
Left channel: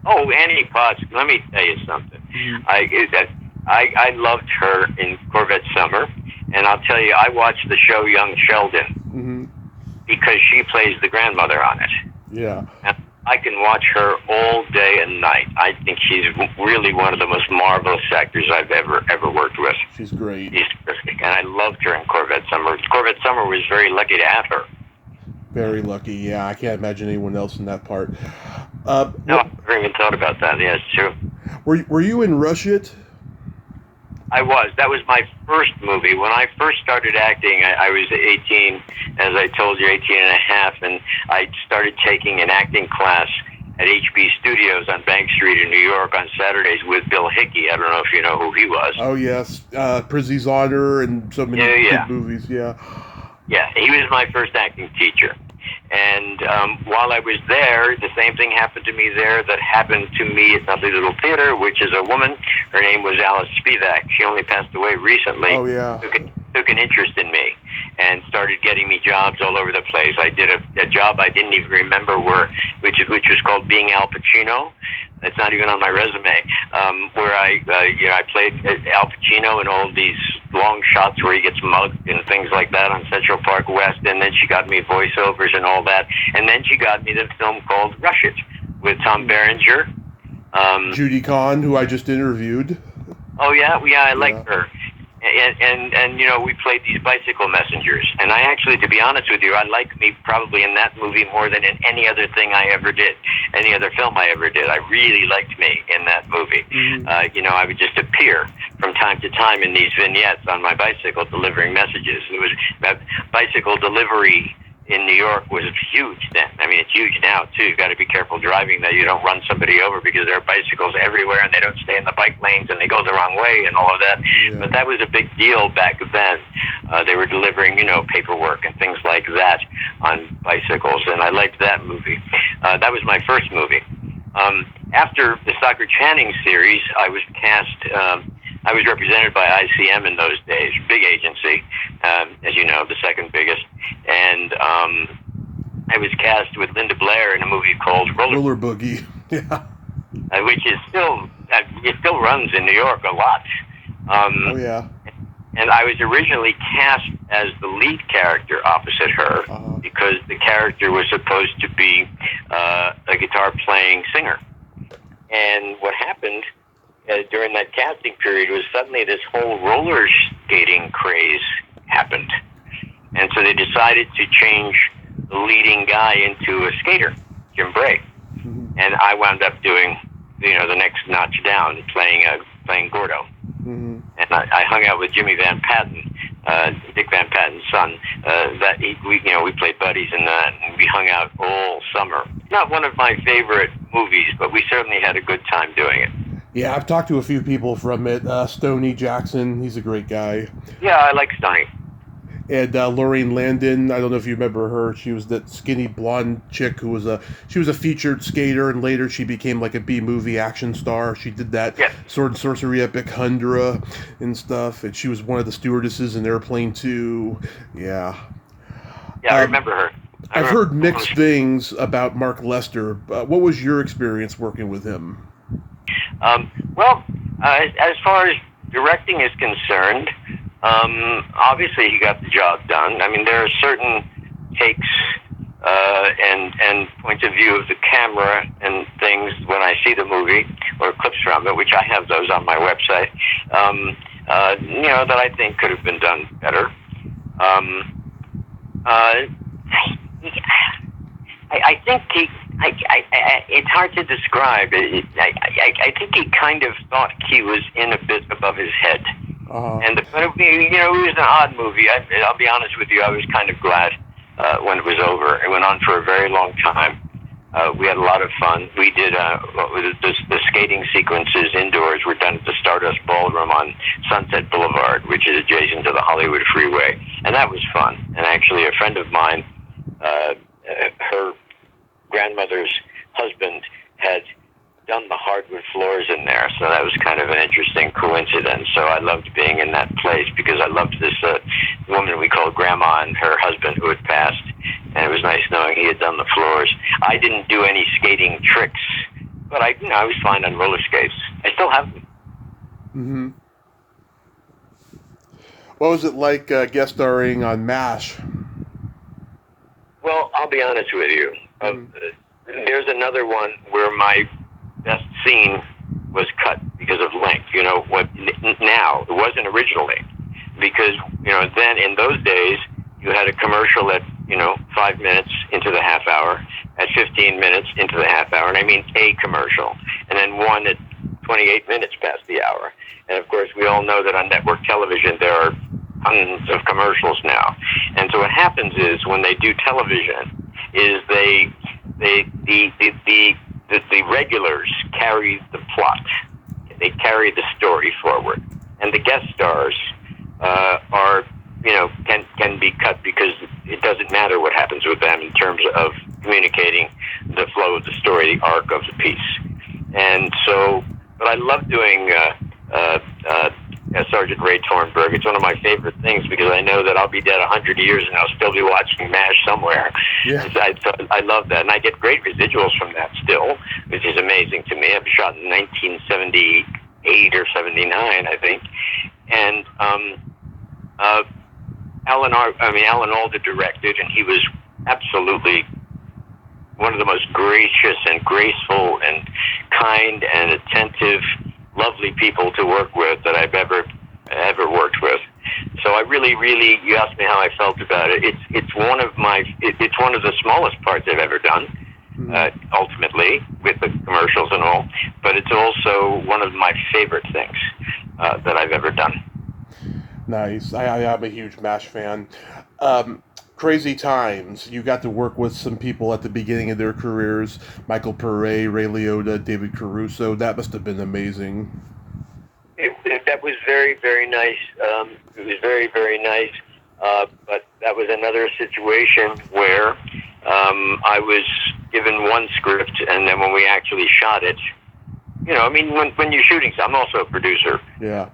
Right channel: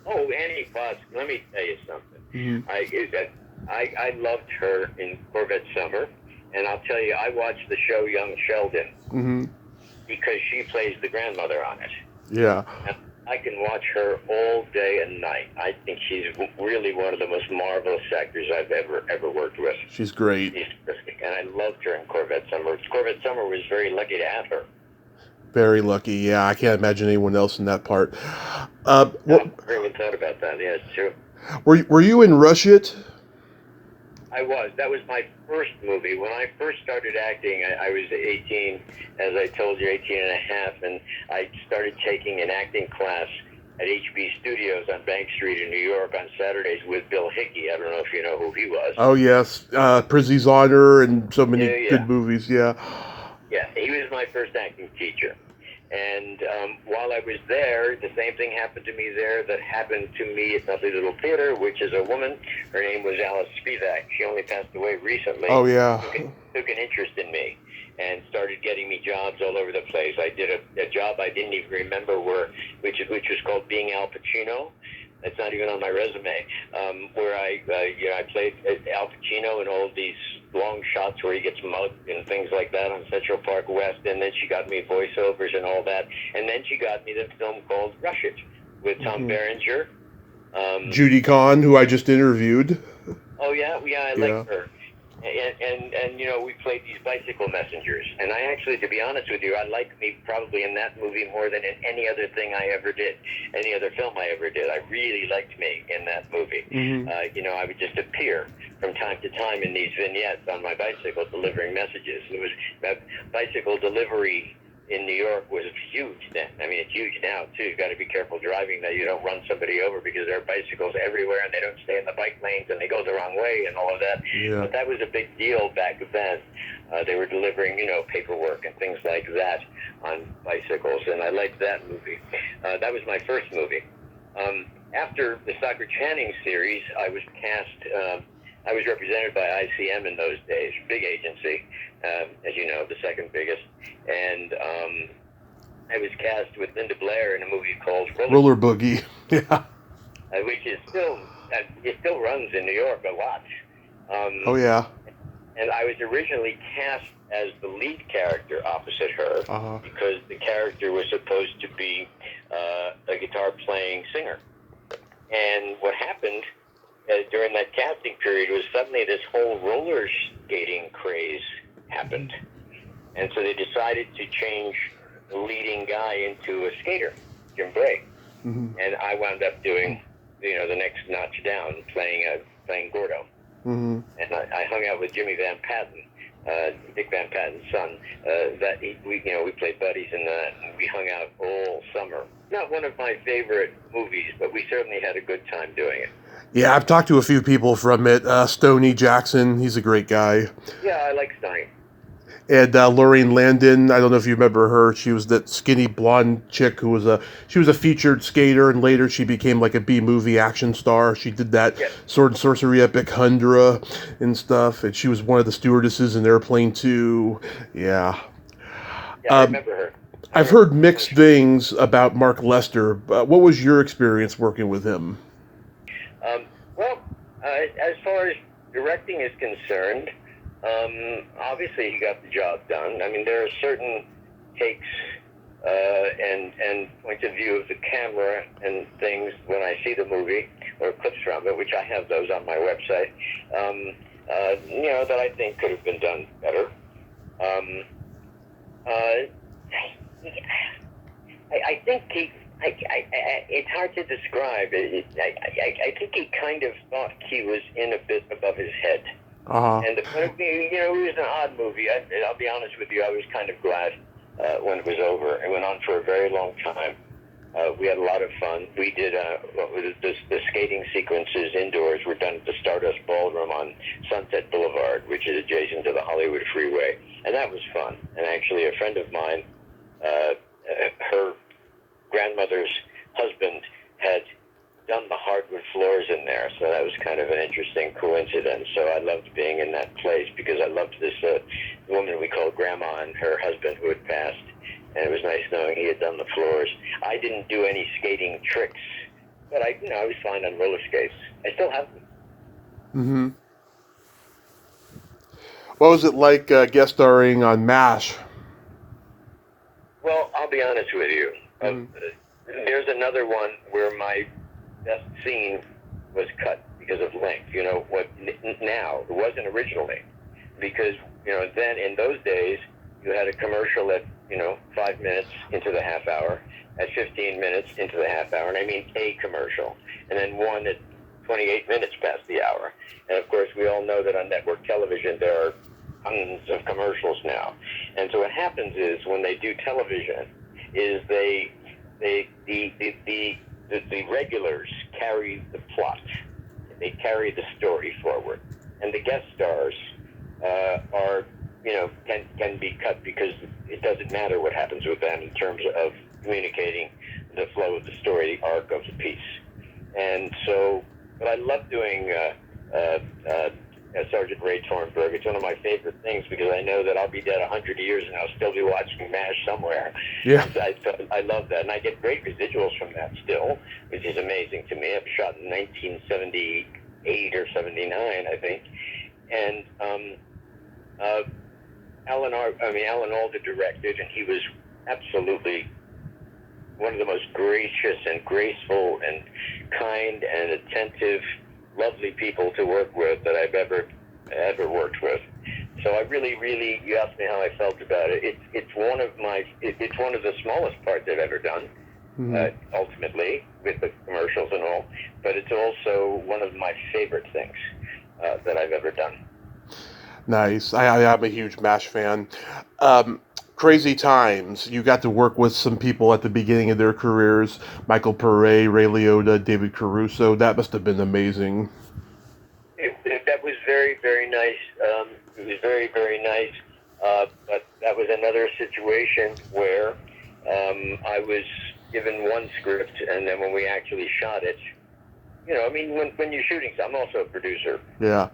Oh, Annie Potts. Let me tell you something. Mm-hmm. I loved her in Corvette Summer, and I'll tell you, I watched the show Young Sheldon mm-hmm. because she plays the grandmother on it. Yeah. And I can watch her all day and night. I think she's really one of the most marvelous actors I've ever worked with. She's great. She's terrific, and I loved her in Corvette Summer. Corvette Summer was very lucky to have her. Very lucky, yeah. I can't imagine anyone else in that part. No, I never even thought about that. Yeah, it's true. Were you in Rush It? I was. That was my first movie. When I first started acting, I was 18, as I told you, 18 and a half, and I started taking an acting class at HB Studios on Bank Street in New York on Saturdays with Bill Hickey. I don't know if you know who he was. Oh, yes. Prizzy's Honor and so many good movies, yeah. Yeah, he was my first acting teacher. And while I was there, the same thing happened to me there that happened to me at Dudley Little Theater, which is a woman. Her name was Alice Spivak. She only passed away recently. Oh, yeah. Took an interest in me and started getting me jobs all over the place. I did a job I didn't even remember which was called Being Al Pacino. It's not even on my resume, where I played Al Pacino in all these long shots where he gets mugged and things like that on Central Park West, and then she got me voiceovers and all that, and then she got me the film called Rush It with Tom Berenger. Judy Kahn, who I just interviewed. Oh, yeah? Yeah, I liked her. And we played these bicycle messengers. And I actually, to be honest with you, I liked me probably in that movie more than in any other thing I ever did, any other film I ever did. I really liked me in that movie. Mm-hmm. I would just appear from time to time in these vignettes on my bicycle delivering messages. It was that bicycle delivery in New York was huge then. I mean, it's huge now, too. You've got to be careful driving that you don't run somebody over because there are bicycles everywhere and they don't stay in the bike lanes and they go the wrong way and all of that. Yeah. But that was a big deal back then. They were delivering, paperwork and things like that on bicycles, and I liked that movie. That was my first movie. After the Stockard Channing series, I was cast... I was represented by ICM in those days, big agency, as you know, the second biggest. And I was cast with Linda Blair in a movie called Roller Boogie. Yeah. Which is it still runs in New York a lot. Oh, yeah. And I was originally cast as the lead character opposite her because the character was supposed to be a guitar-playing singer. And what happened during that casting period was suddenly this whole roller skating craze happened. And so they decided to change the leading guy into a skater, Jim Bray. Mm-hmm. And I wound up doing, the next notch down, playing Gordo. Mm-hmm. And I hung out with Jimmy Van Patten, Dick Van Patten's son. We played buddies in that, and we hung out all summer. Not one of my favorite movies, but we certainly had a good time doing it. Yeah, I've talked to a few people from it. Stoney Jackson, he's a great guy. Yeah, I like Stoney. And Lorraine Landon, I don't know if you remember her. She was that skinny blonde chick who was a featured skater, and later she became like a B-movie action star. She did that Sword and Sorcery epic Hundra and stuff, and she was one of the stewardesses in Airplane 2. Yeah. Yeah, I remember her. I've heard mixed things about Mark Lester. What was your experience working with him? As far as directing is concerned, obviously he got the job done. I mean, there are certain takes and points of view of the camera and things when I see the movie or clips from it, which I have those on my website, that I think could have been done better. I think it's hard to describe. I think he kind of thought he was in a bit above his head. And it was an odd movie. I'll be honest with you, I was kind of glad when it was over. It went on for a very long time. We had a lot of fun. We did the skating sequences indoors were done at the Stardust Ballroom on Sunset Boulevard, which is adjacent to the Hollywood Freeway, and that was fun. And actually, a friend of mine, her grandmother's husband had done the hardwood floors in there, so that was kind of an interesting coincidence. So I loved being in that place because I loved this woman we called Grandma and her husband who had passed, and it was nice knowing he had done the floors. I didn't do any skating tricks, but I was fine on roller skates. I still have them. Mm-hmm. What was it like guest starring on MASH? Well, I'll be honest with you. There's another one where my best scene was cut because of length. You know what? Now it wasn't originally, because then in those days you had a commercial at 5 minutes into the half hour, at 15 minutes into the half hour, and I mean a commercial, and then one at 28 minutes past the hour. And of course, we all know that on network television there are tons of commercials now. And so what happens is when they do television, is the regulars carry the plot, they carry the story forward, and the guest stars are can be cut because it doesn't matter what happens with them in terms of communicating the flow of the story, the arc of the piece. And so, but I love doing Sergeant Ray Tornberg. It's one of my favorite things because I know that I'll be dead 100 years and I'll still be watching MASH somewhere. Yeah. I love that, and I get great residuals from that still, which is amazing to me. I've shot in 1978 or 79, I think, and Alan Alda directed, and he was absolutely one of the most gracious and graceful and kind and attentive, lovely people to work with that I've ever worked with. So I really, you asked me how I felt about it. It's one of the smallest parts I've ever done, ultimately, with the commercials and all. But it's also one of my favorite things that I've ever done. Nice. I'm a huge MASH fan. Crazy Times. You got to work with some people at the beginning of their careers. Michael Pare, Ray Liotta, David Caruso. That must have been amazing. That was very, very nice. It was very, very nice. But that was another situation where I was given one script, and then when we actually shot it, when you're shooting, I'm also a producer. Yeah.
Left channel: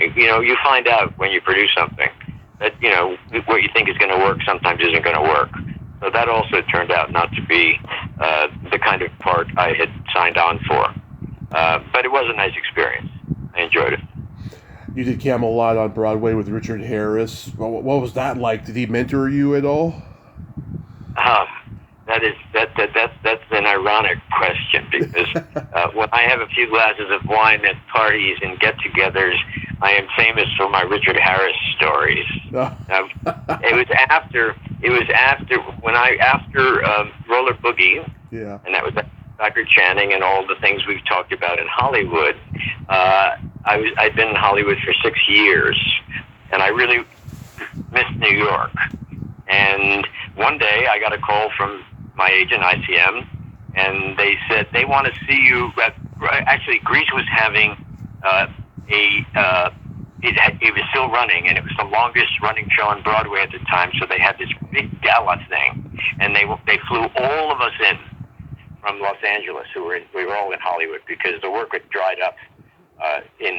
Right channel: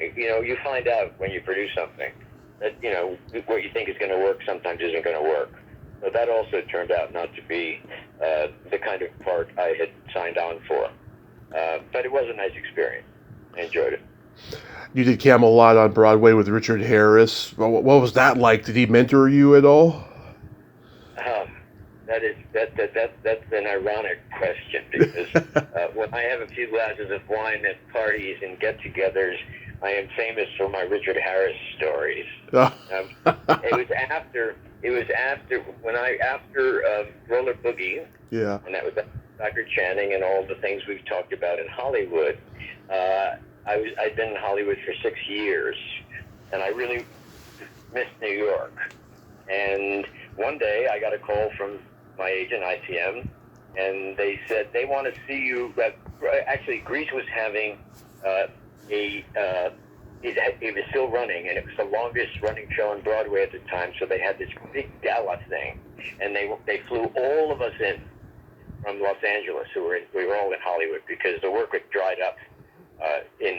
You find out when you produce something that, what you think is going to work sometimes isn't going to work. So that also turned out not to be the kind of part I had signed on for. But it was a nice experience. I enjoyed it. You did Camelot on Broadway with Richard Harris. What was that like? Did he mentor you at all? That's an ironic question because when I have a few glasses of wine at parties and get-togethers, I am famous for my Richard Harris stories. It was after Roller Boogie, yeah, and that was Dr. Channing and all the things we've talked about in Hollywood. I'd been in Hollywood for 6 years, and I really missed New York. And one day I got a call from my agent, ICM, and they said they want to see you. Actually, Grease was having it was still running, and it was the longest running show on Broadway at the time. So they had this big gala thing, and they flew all of us in from Los Angeles, we were all in Hollywood because the work had dried up in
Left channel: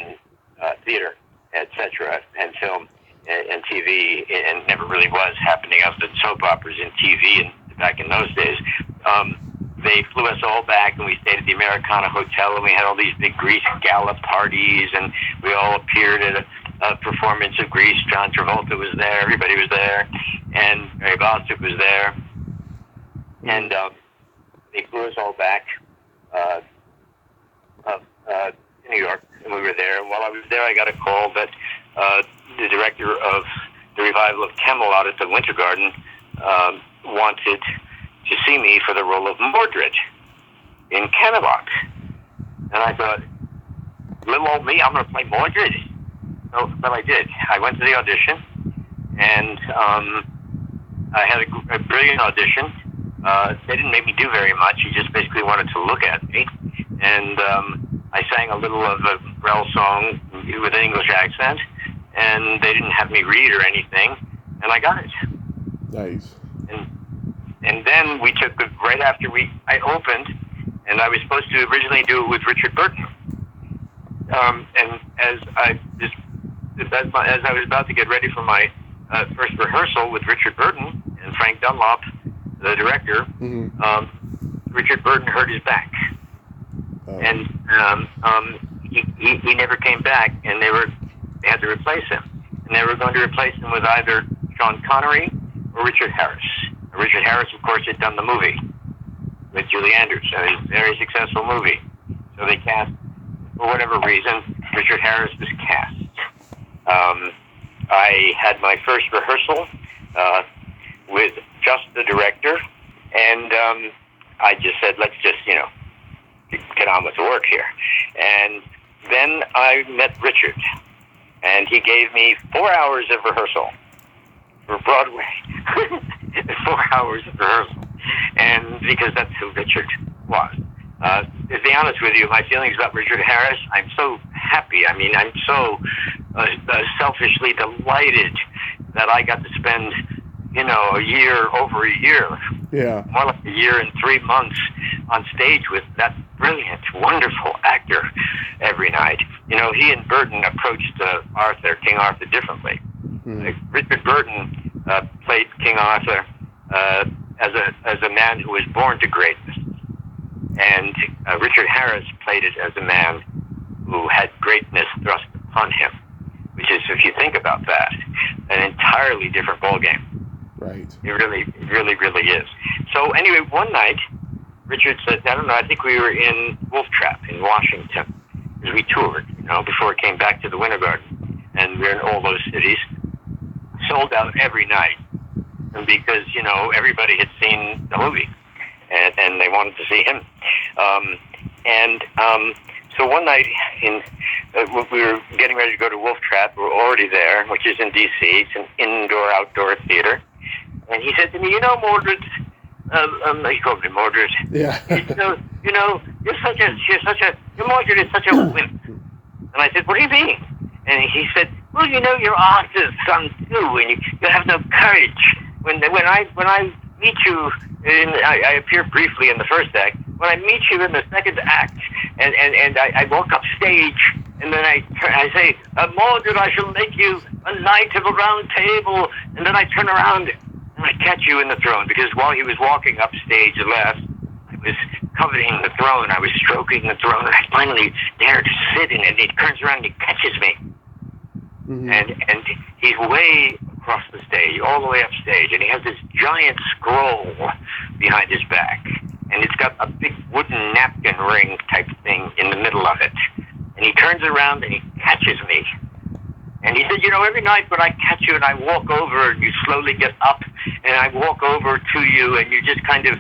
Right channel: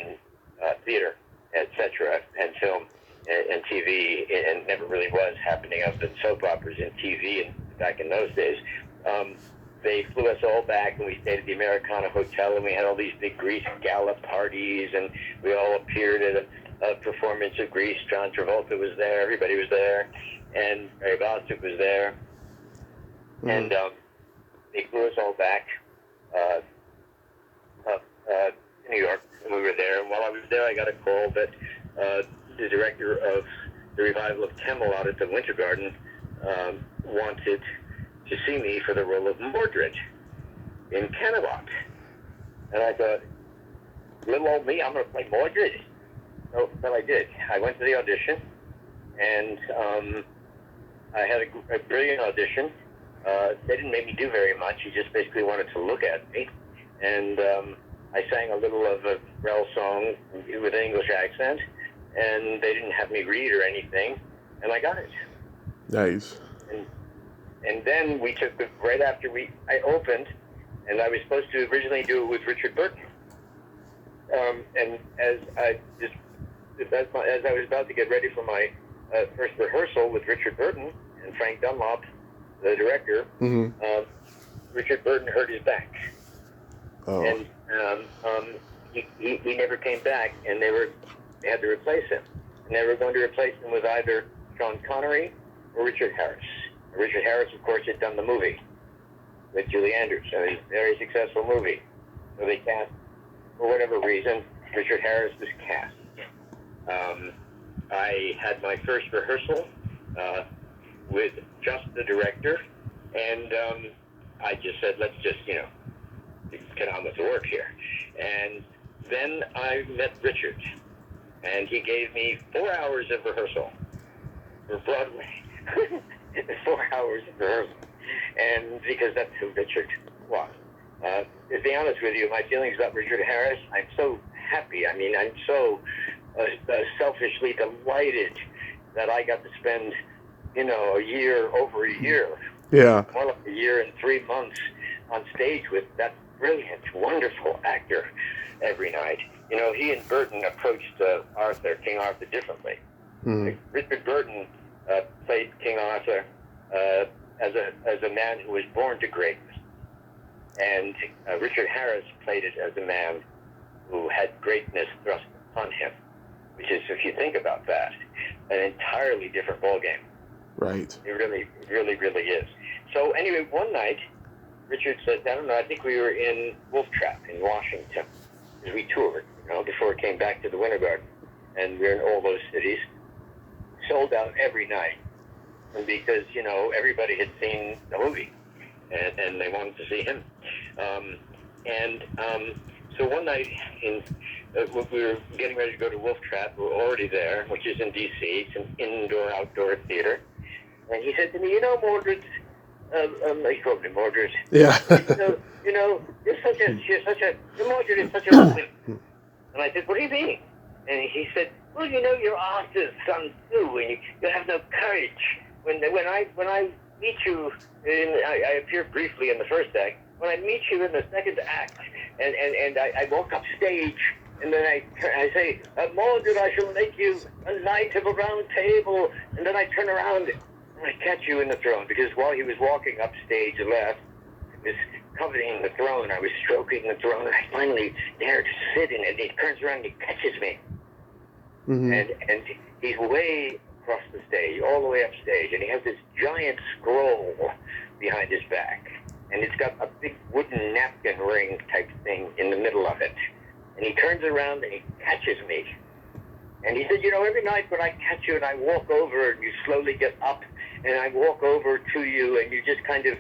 theater, etc., and film and TV, and never really was happening other than soap operas and TV back in those days. They flew us all back, and we stayed at the Americana Hotel, and we had all these big Grease gala parties, and we all appeared at a performance of Grease. John Travolta was there, everybody was there, and Mary Bostwick was there, and they flew us all back to New York, and we were there. And while I was there, I got a call that the director of the revival of Camelot at the Winter Garden wanted to see me for the role of Mordred in Kovac. And I thought, little old me, I'm going to play Mordred. So, but I did. I went to the audition, and I had a brilliant audition. They didn't make me do very much. He just basically wanted to look at me. And I sang a little of a Brel song with an English accent, and they didn't have me read or anything, and I got it. Nice. And then we took right after I opened, and I was supposed to originally do it with Richard Burton. And as I was about to get ready for my first rehearsal with Richard Burton and Frank Dunlop, the director, Richard Burton hurt his back, and he never came back, and they had to replace him, and they were going to replace him with either Sean Connery or Richard Harris. Richard Harris, of course, had done the movie with Julie Andrews, a very successful movie. So they cast, for whatever reason, Richard Harris was cast. I had my first rehearsal with just the director, and I just said, let's just, get on with the work here. And then I met Richard, and he gave me 4 hours of rehearsal for Broadway. 4 hours of rehearsal. And because that's who Richard was. To be honest with you, my feelings about Richard Harris, I'm so happy. I mean, I'm so selfishly delighted that I got to spend, over a year. Yeah. More like a year and 3 months on stage with that brilliant, wonderful actor every night. He and Burton approached King Arthur differently. Richard Burton played King Arthur as a man who was born to greatness. And Richard Harris played it as a man who had greatness thrust upon him, which is, if you think about that, an entirely different ballgame. Right. It really, really is. So anyway, one night, Richard said, I don't know, I think we were in Wolf Trap in Washington, because we toured, before it came back to the Winter Garden. And we were in all those cities, sold out every night. And because, everybody had seen the movie, and they wanted to see him. So one night, we were getting ready to go to Wolf Trap. We were already there, which is in D.C. It's an indoor-outdoor theater. And he said to me, Mordred, he called me Mordred. Yeah. Mordred is such a wimp. And I said, what do you mean? And he said, well, you're Arthur's son too, and you have no courage. When I meet you, I appear briefly in the first act. When I meet you in the second act, and I walk up stage, and then I say, Mordred, I shall make you a knight of a round table, and then I turn around and I catch you in the throne, because while he was walking up stage left, I was coveting the throne, I was stroking the throne, and I finally dare to sit in it, and he turns around and he catches me. And he's way across the stage, all the way up stage, and he has this giant scroll behind his back, and it's got a big wooden napkin ring type thing in the middle of it. And he turns around and he catches me. And he said, every night when I catch you and I walk over and you slowly get up and I walk over to you and you just kind of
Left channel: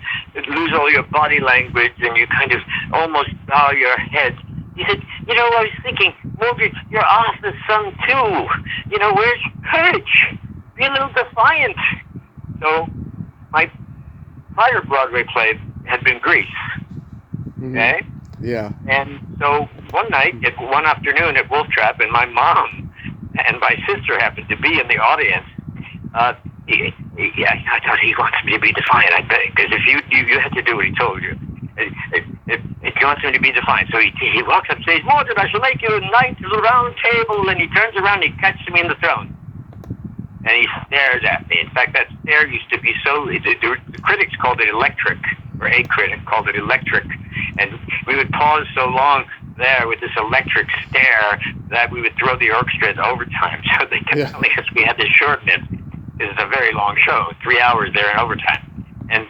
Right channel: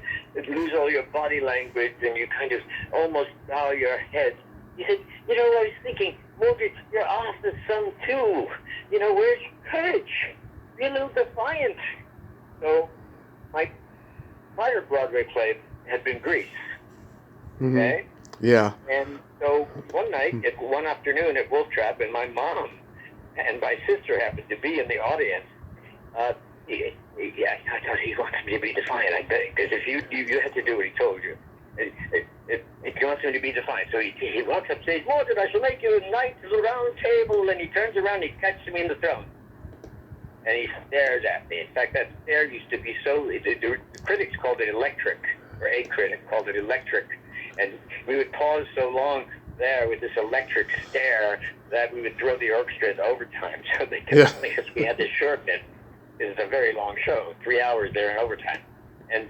lose all your body language and you kind of almost bow your head. He said, I was thinking, Mordred, you're Arthur's son too. Where's your courage? Be a little defiant. So my prior Broadway play had been Grease. Okay? Yeah. And so one afternoon at Wolf Trap, and my mom and my sister happened to be in the audience. I thought he wants me to be defiant, I bet, because if you had to do what he told you. He wants me to be defiant. So he walks up stage, Mordred, I shall make you a knight of the round table, and he turns around and he catches me in the throne. And he stares at me. In fact, that stare used to be the critics called it electric, or a critic called it electric. And we would pause so long there with this electric stare that we would throw the orchestra into overtime. So they kept telling us we had to shorten it. This is a very long show, 3 hours there in overtime. And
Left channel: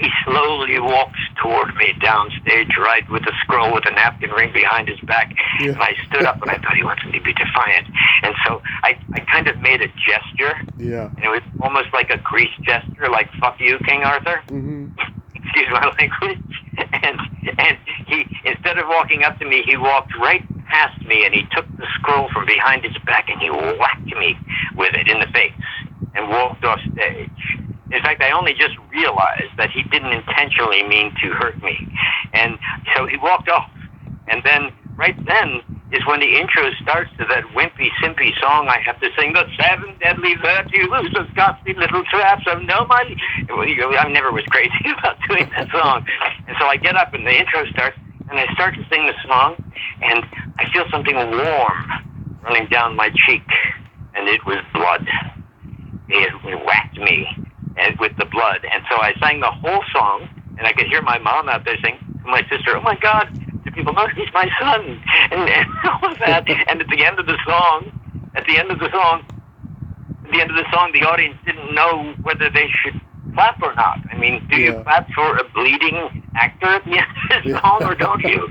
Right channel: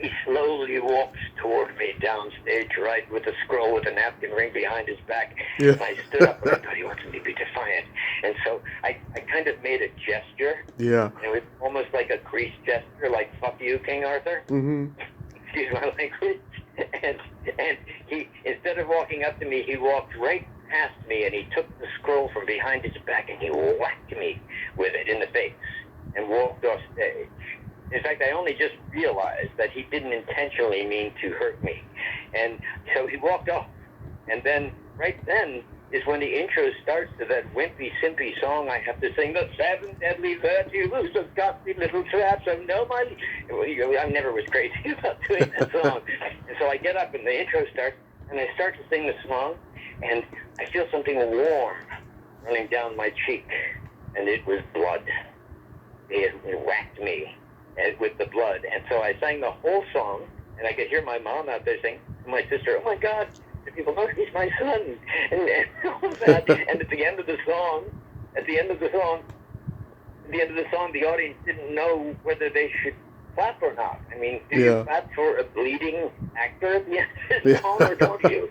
he slowly walks toward me downstage, right, with a scroll with a napkin ring behind his back. Yeah. And I stood up, and I thought he wanted me to be defiant. And so I kind of made a gesture. Yeah. And it was almost like a Grease gesture, like, fuck you, King Arthur. Mm-hmm. Excuse my language. And he, instead of walking up to me, he walked right past me, and he took the scroll from behind his back, and he whacked me with it in the face and walked off stage. In fact, I only just realized that he didn't intentionally mean to hurt me. And so he walked off. And then, right then, is when the intro starts to that wimpy, simpy song I have to sing, the 7 deadly virtues of Scotsy little traps of no money. I never was crazy about doing that song. And so I get up and the intro starts, and I start to sing the song, and I feel something warm running down my cheek, and it was blood. It whacked me with the blood. And so I sang the whole song, and I could hear my mom out there saying to my sister, oh my God, do people know he's my son? And all of that. And at the end of the song, the audience didn't know whether they should clap or not. I mean, do you clap for a bleeding actor at the end of the song, or don't you?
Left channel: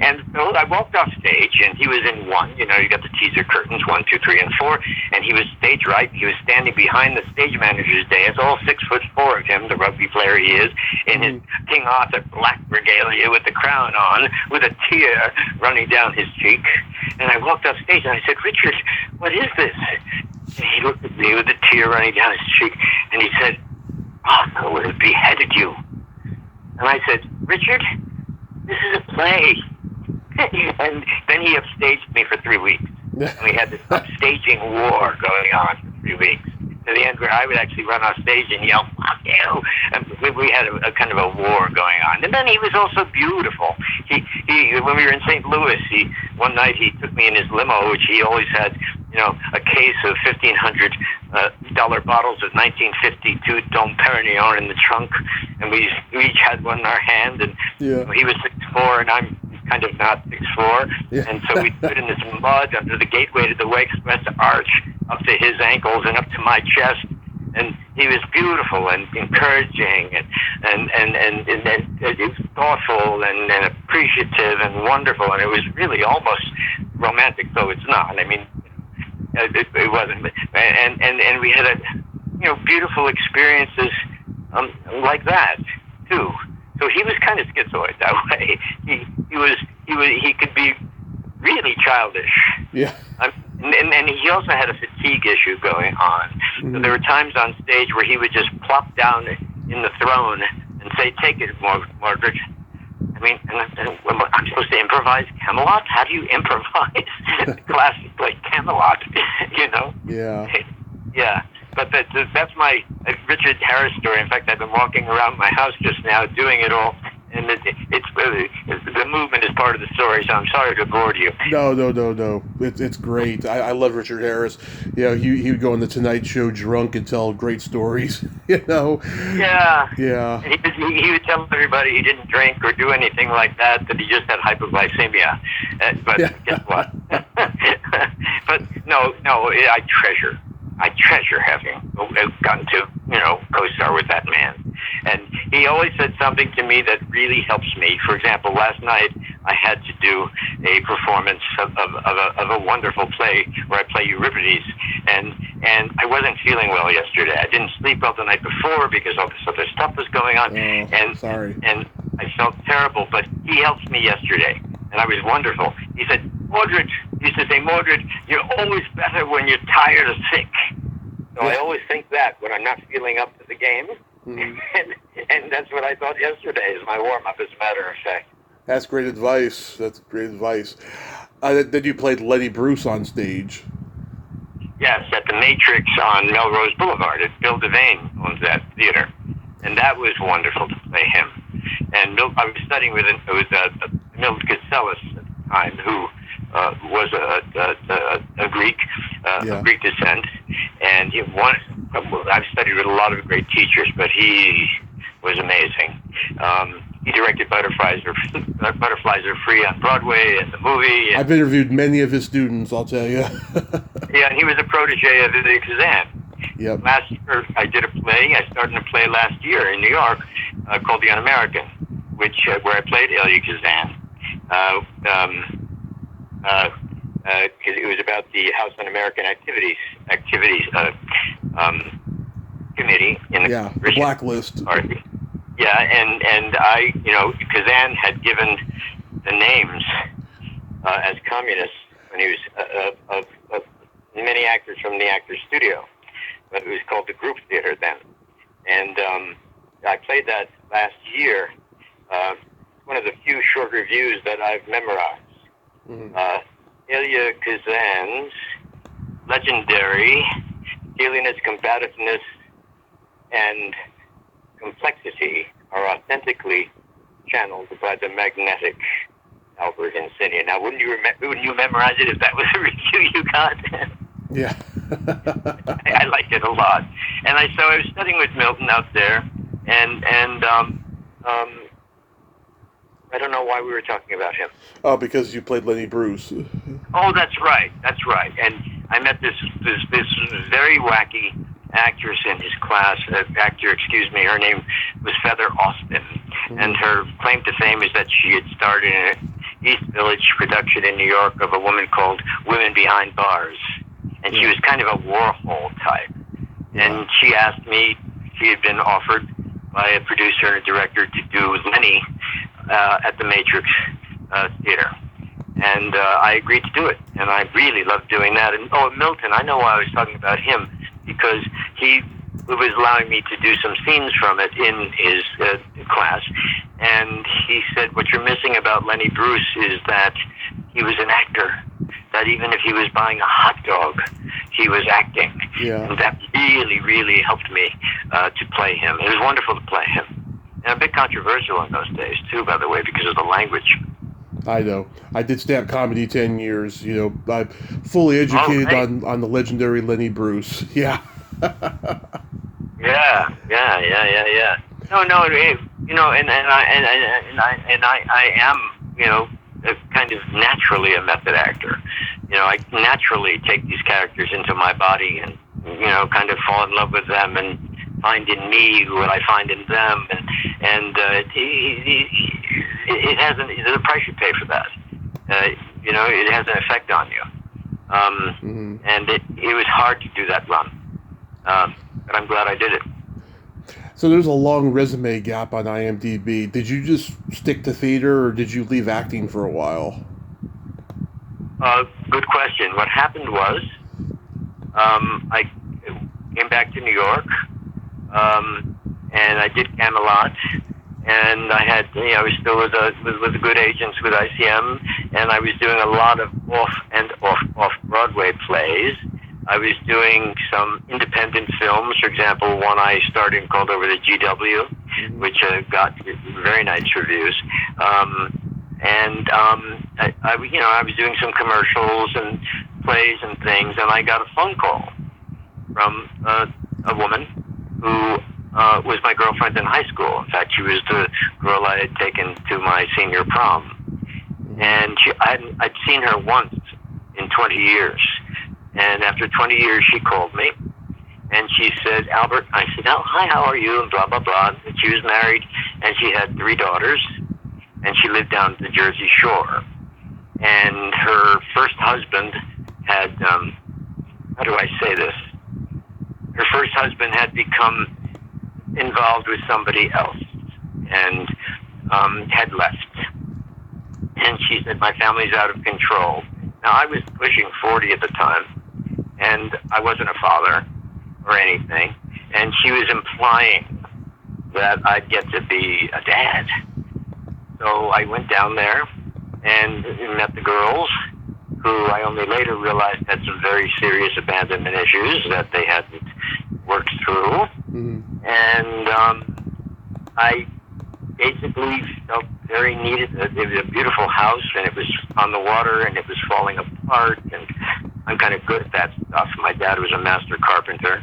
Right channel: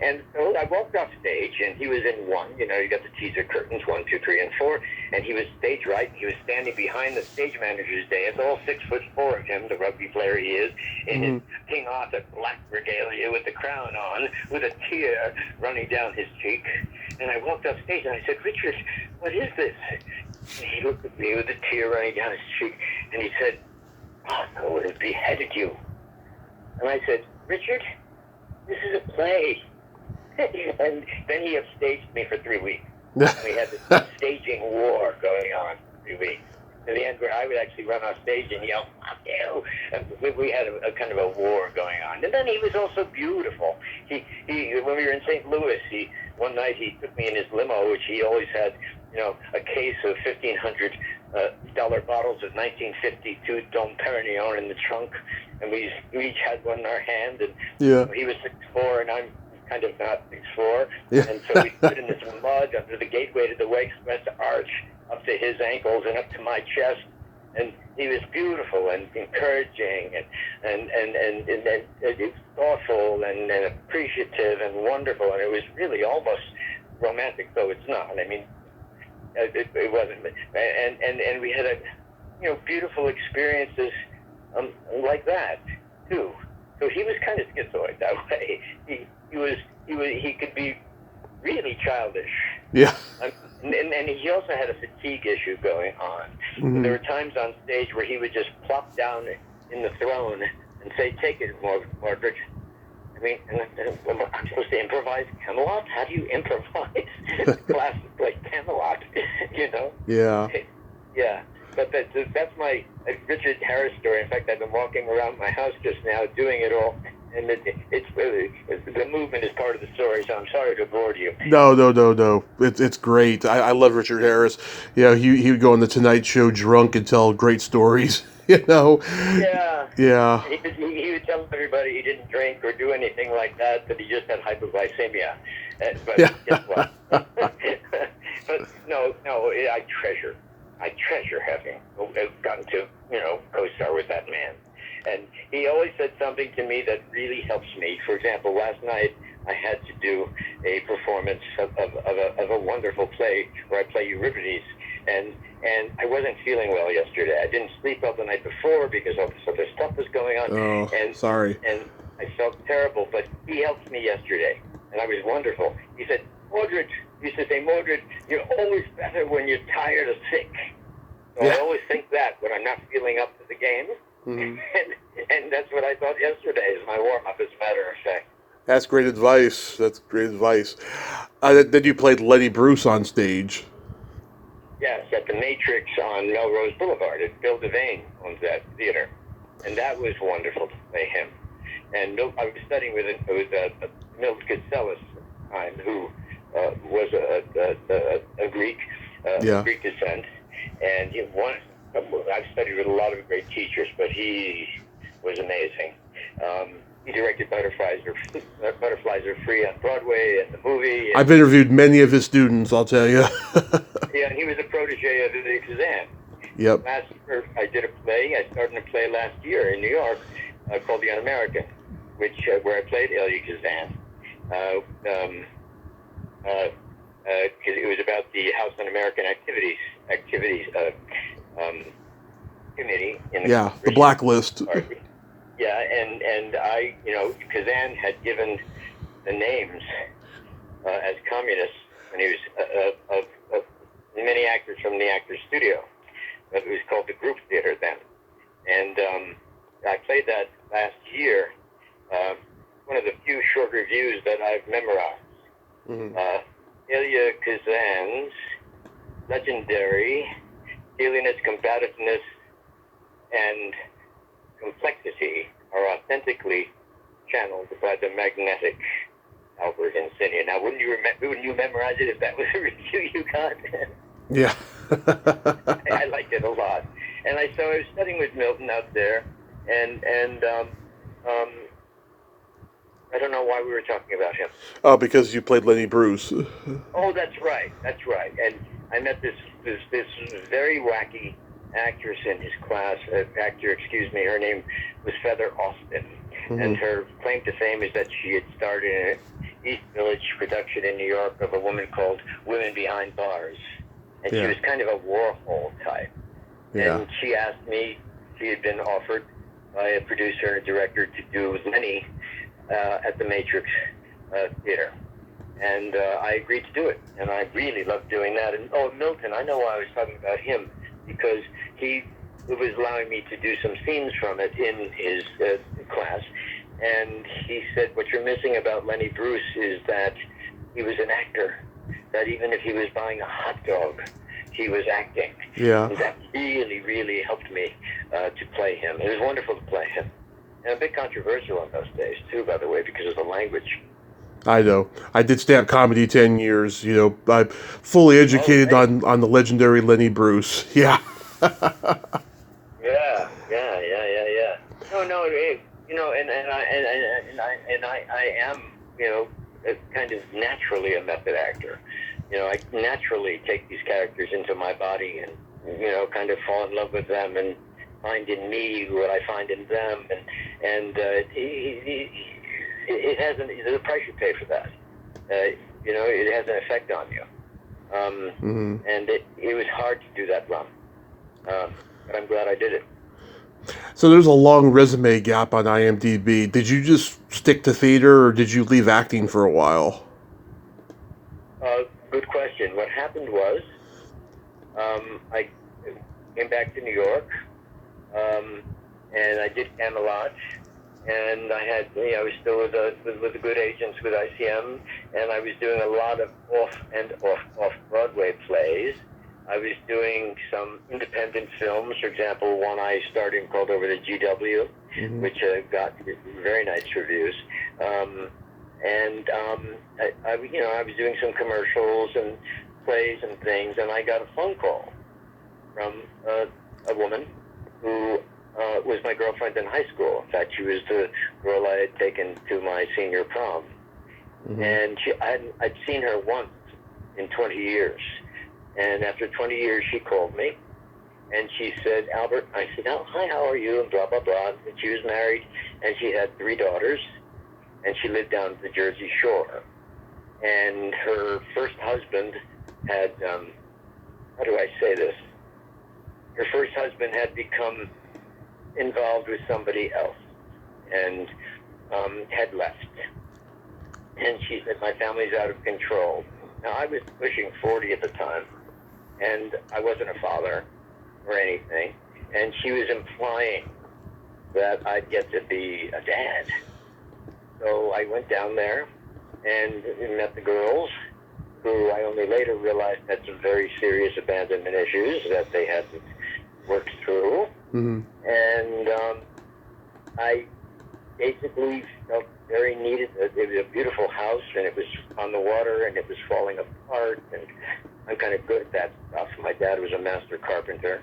And so I walked off stage, and he was in 1. You know, you got the teaser curtains, 1, 2, 3, and 4, and he was stage right. He was standing behind the stage manager's dais, all 6'4" of him, the rugby player he is, in his King Arthur black regalia with the crown on, with a tear running down his cheek. And I walked off stage, and I said, Richard, what is this? And he looked at me with a tear running down his cheek, and he said, Arthur would have beheaded you. And I said, Richard, this is a play. And then he upstaged me for 3 weeks. And we had this upstaging war going on for 3 weeks. To the end where I would actually run off stage and yell, fuck you. And we had a kind of a war going on. And then he was also beautiful. He when we were in St. Louis, one night he took me in his limo, which he always had, you know, a case of $1,500 bottles of 1952 Dom Perignon in the trunk, and we each had one in our hand, and he was 6'4", and I'm kind of not 6'4", and so we stood in this mud under the gateway to the Way Express Arch, up to his ankles and up to my chest, and he was beautiful and encouraging and thoughtful and appreciative and wonderful, and it was really almost romantic, though it's not. I mean, it wasn't, and we had beautiful experiences like that too. So he was kind of schizoid that way. He could be really childish. Yeah. And he also had a fatigue issue going on. Mm-hmm. So there were times on stage where he would just plop down in the throne and say, "Take it, Margaret." I mean, I'm supposed to improvise Camelot? How do you improvise classic like Camelot? You know? Yeah. Yeah. But that's my Richard Harris story. In fact, I've been walking around my house just now doing it all, and the movement is part of the story, so I'm sorry to bore you. No. It's great. I love Richard Harris. You know, he would go on the Tonight Show drunk and tell great stories, you know? Yeah. Yeah. He would tell everybody he didn't drink or do anything like that he just had hypoglycemia. But guess what? But no, I treasure having gotten to, co-star with that man. And he always said something to me that really helps me. For example, last night I had to do a performance of a wonderful play where I play Euripides, and I wasn't feeling well yesterday. I didn't sleep well the night before because all this other stuff was going on. Oh, and sorry. And I felt terrible, but he helped me yesterday, and I was wonderful. He said, Mordred, he used to say, Mordred, you're always better when you're tired or sick. So I always think that when I'm not feeling up to the game. Mm-hmm. And that's what I thought yesterday is my warm-up, as a matter of fact. That's great advice. Then you played Lenny Bruce on stage. Yes, at the Matrix on Melrose Boulevard. Bill Devane owns that theater. And that was wonderful to play him. And I was studying with Milt Katselis at the time, who was a Greek, of Greek descent, and I've studied with a lot of great teachers, but he was amazing. He directed Butterflies Are Free on Broadway and the movie. I've interviewed many of his students, I'll tell you. Yeah, and he was a protege of the Kazan. Yep. Last year, I did a play. I started a play last year in New York called The Un-American, which where I played Ilya Kazan. It was about the House Un-American Activities Committee in the blacklist. Party. Yeah, and I, Kazan had given the names as communists when he was of many actors from the Actors Studio, but it was called the Group Theater then. And I played that last year. One of the few short reviews that I've memorized. Mm-hmm. Ilya Kazan's legendary alienates, combativeness, and complexity are authentically channeled by the magnetic Albert Insinnia. Now, wouldn't you memorize it if that was a review you got? Yeah. I liked it a lot. And so I was studying with Milton out there, and I don't know why we were talking about him. Oh, because you played Lenny Bruce. Oh, that's right. And I met this very wacky actress in his class. Her name was Feather Austin. Mm-hmm. And her claim to fame is that she had starred in an East Village production in New York of a woman called Women Behind Bars. And she was kind of a Warhol type. Yeah. And she asked me, she had been offered by a producer and a director to do Lenny at the Matrix Theater. And I agreed to do it. And I really loved doing that. And Milton, I know why I was talking about him, because he was allowing me to do some scenes from it in his class. And he said, what you're missing about Lenny Bruce is that he was an actor. That even if he was buying a hot dog, he was acting. Yeah. And that really, really helped me to play him. It was wonderful to play him. And a bit controversial in those days, too, by the way, because of the language. I know. I did stand-up comedy 10 years. I'm fully educated on the legendary Lenny Bruce. Yeah. Yeah. No. I am, kind of naturally a method actor. I naturally take these characters into my body and, kind of fall in love with them and find in me what I find in them, and it has there's a price you pay for that. It has an effect on you. Mm-hmm. And it was hard to do that run, but I'm glad I did it. So there's a long resume gap on IMDb. Did you just stick to theater, or did you leave acting for a while? Good question. What happened was, I came back to New York, and I did Camelot, and I was still with good agents with ICM, and I was doing a lot of off Broadway plays. I was doing some independent films. For example, one I starred in called Over the GW, mm-hmm. which got very nice reviews. I was doing some commercials and plays and things, and I got a phone call from a woman who was my girlfriend in high school. In fact, she was the girl I had taken to my senior prom. Mm-hmm. And I'd seen her once in 20 years. And after 20 years, she called me, and she said, Albert, I said, hi, how are you, and blah, blah, blah. And she was married, and she had 3 daughters, and she lived down the Jersey Shore. And her first husband had, how do I say this? Her first husband had become involved with somebody else and had left. And she said, my family's out of control. Now, I was pushing 40 at the time, and I wasn't a father or anything. And she was implying that I'd get to be a dad. So I went down there and met the girls, who I only later realized had some very serious abandonment issues that they hadn't worked through. Mm-hmm. And I basically felt very needed. It was a beautiful house, and it was on the water, and it was falling apart, and I'm kind of good at that stuff. My dad was a master carpenter,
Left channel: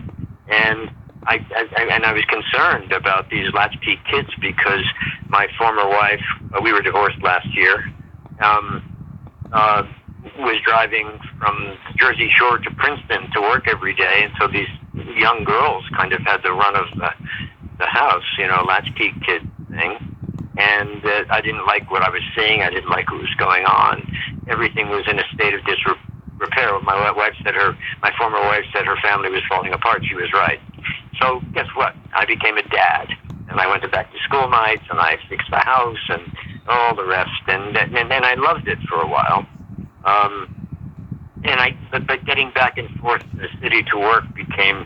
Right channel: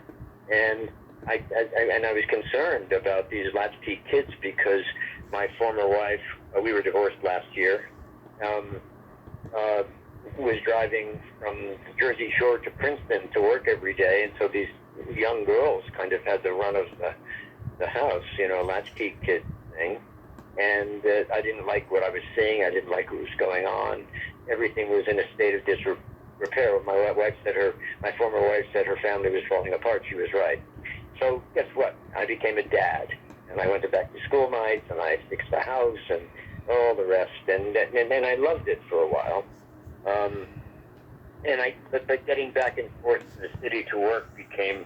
and I was concerned about these latchkey kids because my former wife, we were divorced last year, was driving from the Jersey Shore to Princeton to work every day, and so these young girls kind of had the run of the house, latchkey kid thing. And I didn't like what I was seeing. I didn't like what was going on. Everything was in a state of disrepair. My former wife said her family was falling apart. She was right. So guess what? I became a dad. And I went to back to school nights, and I fixed the house and all the rest. And I loved it for a while. But getting back and forth to the city to work became,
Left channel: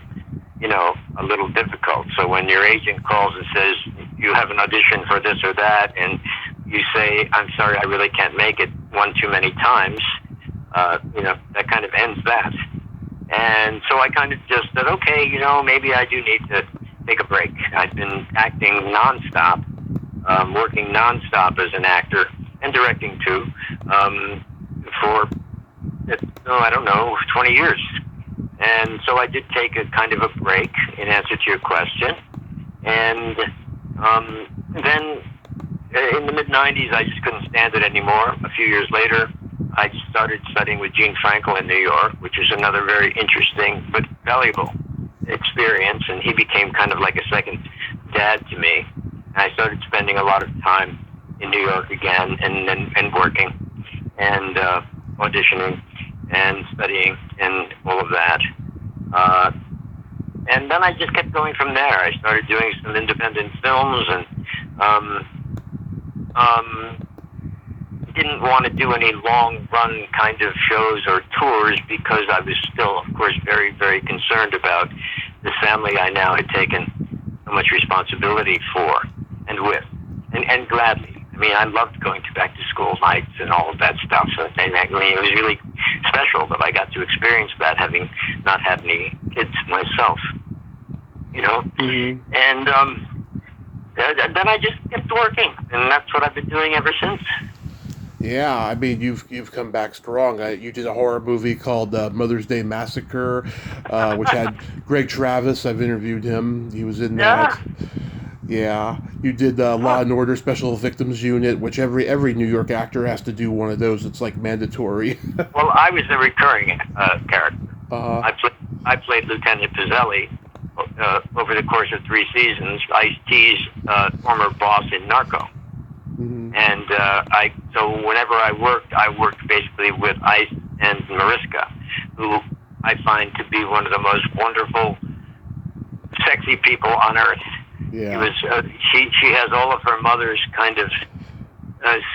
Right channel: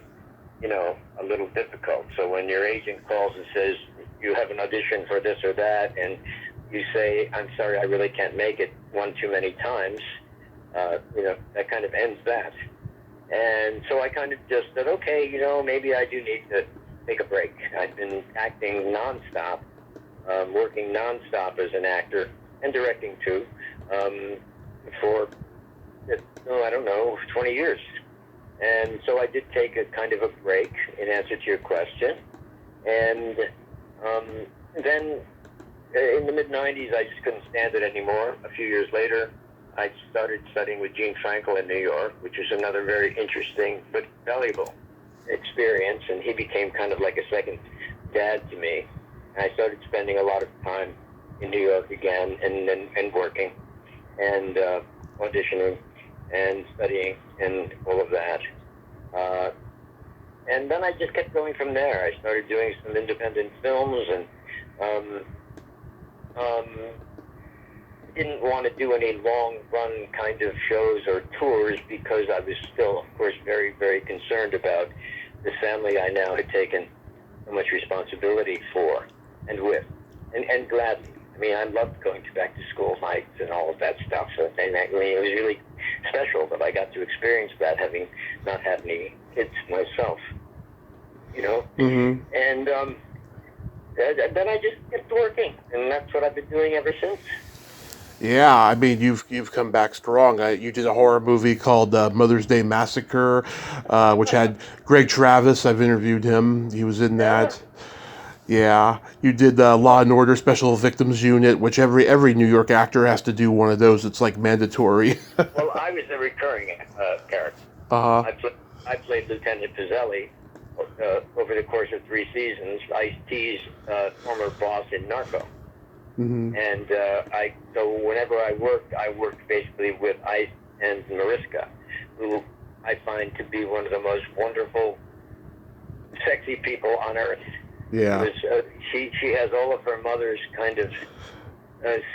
a little difficult. So when your agent calls and says, you have an audition for this or that, and you say, I'm sorry, I really can't make it one too many times, that kind of ends that. And so I kind of just said, okay, maybe I do need to take a break. I've been acting nonstop, working nonstop as an actor and directing too, for, 20 years. And so I did take a kind of a break in answer to your question. And then in the mid-'90s, I just couldn't stand it anymore. A few years later, I started studying with Gene Frankel in New York, which is another very interesting but valuable experience. And he became kind of like a second dad to me. And I started spending a lot of time in New York again and working and auditioning and studying and all of that. And then I just kept going from there. I started doing some independent films and didn't want to do any long-run kind of shows or tours because I was still, of course, very, very concerned about the family I now had taken so much responsibility for and with, and gladly. I mean, I loved going to back to school nights and all of that stuff. So it was really special that I got to experience that, having not had any kids myself. Mm-hmm. And then I just kept working, and that's what I've been doing ever since. Yeah, I mean, you've come back strong. You did a horror movie called Mother's Day Massacre, which had Greg Travis. I've interviewed him. He was in that. Yeah, you did Law and Order Special Victims Unit, which every New York actor has to do one of those. It's like mandatory. Well, I was the recurring character. Uh-huh. I played Lieutenant Pizzelli over the course of 3 seasons, Ice-T's former boss in Narco. Mm-hmm. And so whenever I worked basically with Ice and Mariska, who I find to be one of the most wonderful, sexy people on earth. Yeah. It was, she has all of her mother's kind of